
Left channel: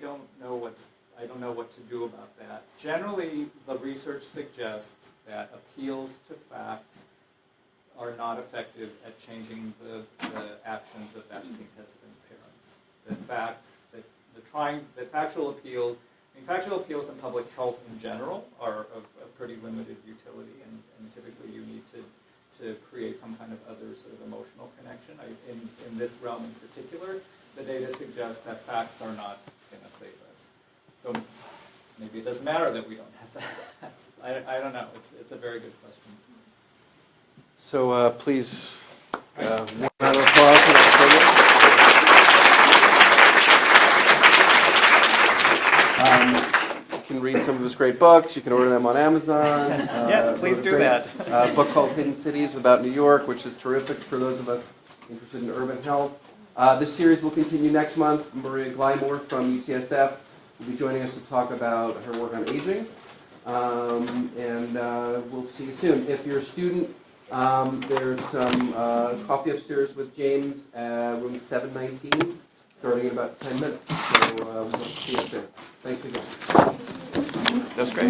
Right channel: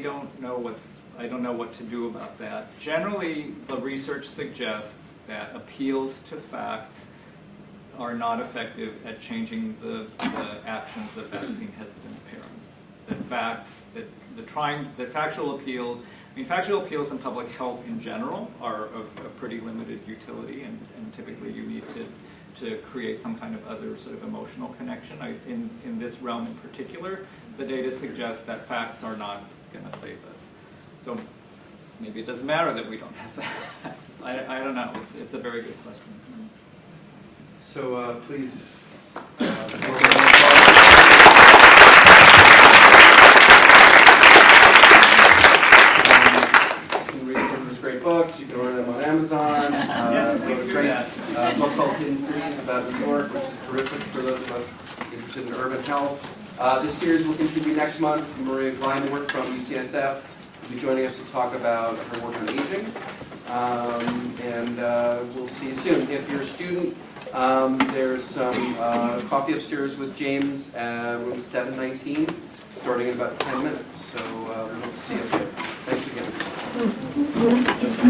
don't know what to do about that. Generally, the research suggests that appeals to facts are not effective at changing the actions of vaccine-hesitant parents. That factual appeals, factual appeals in public health in general are of pretty limited utility, and typically you need to create some kind of other sort of emotional connection. In this realm in particular, the data suggests that facts are not going to save us. So maybe it doesn't matter that we don't have facts. I don't know. It's a very good question. So please, you can read some of his great books. You can order them on Amazon. Yes, please do that. A book called Hidden Cities about New York, which is terrific for those of us interested in urban health. This series will continue next month. Maria Gleimore from UCSF will be joining us to talk about her work on aging. And we'll see you soon. If you're a student, there's some coffee upstairs with James at room 719, starting in about 10 minutes. So we'll see you soon. Thanks again. That's great.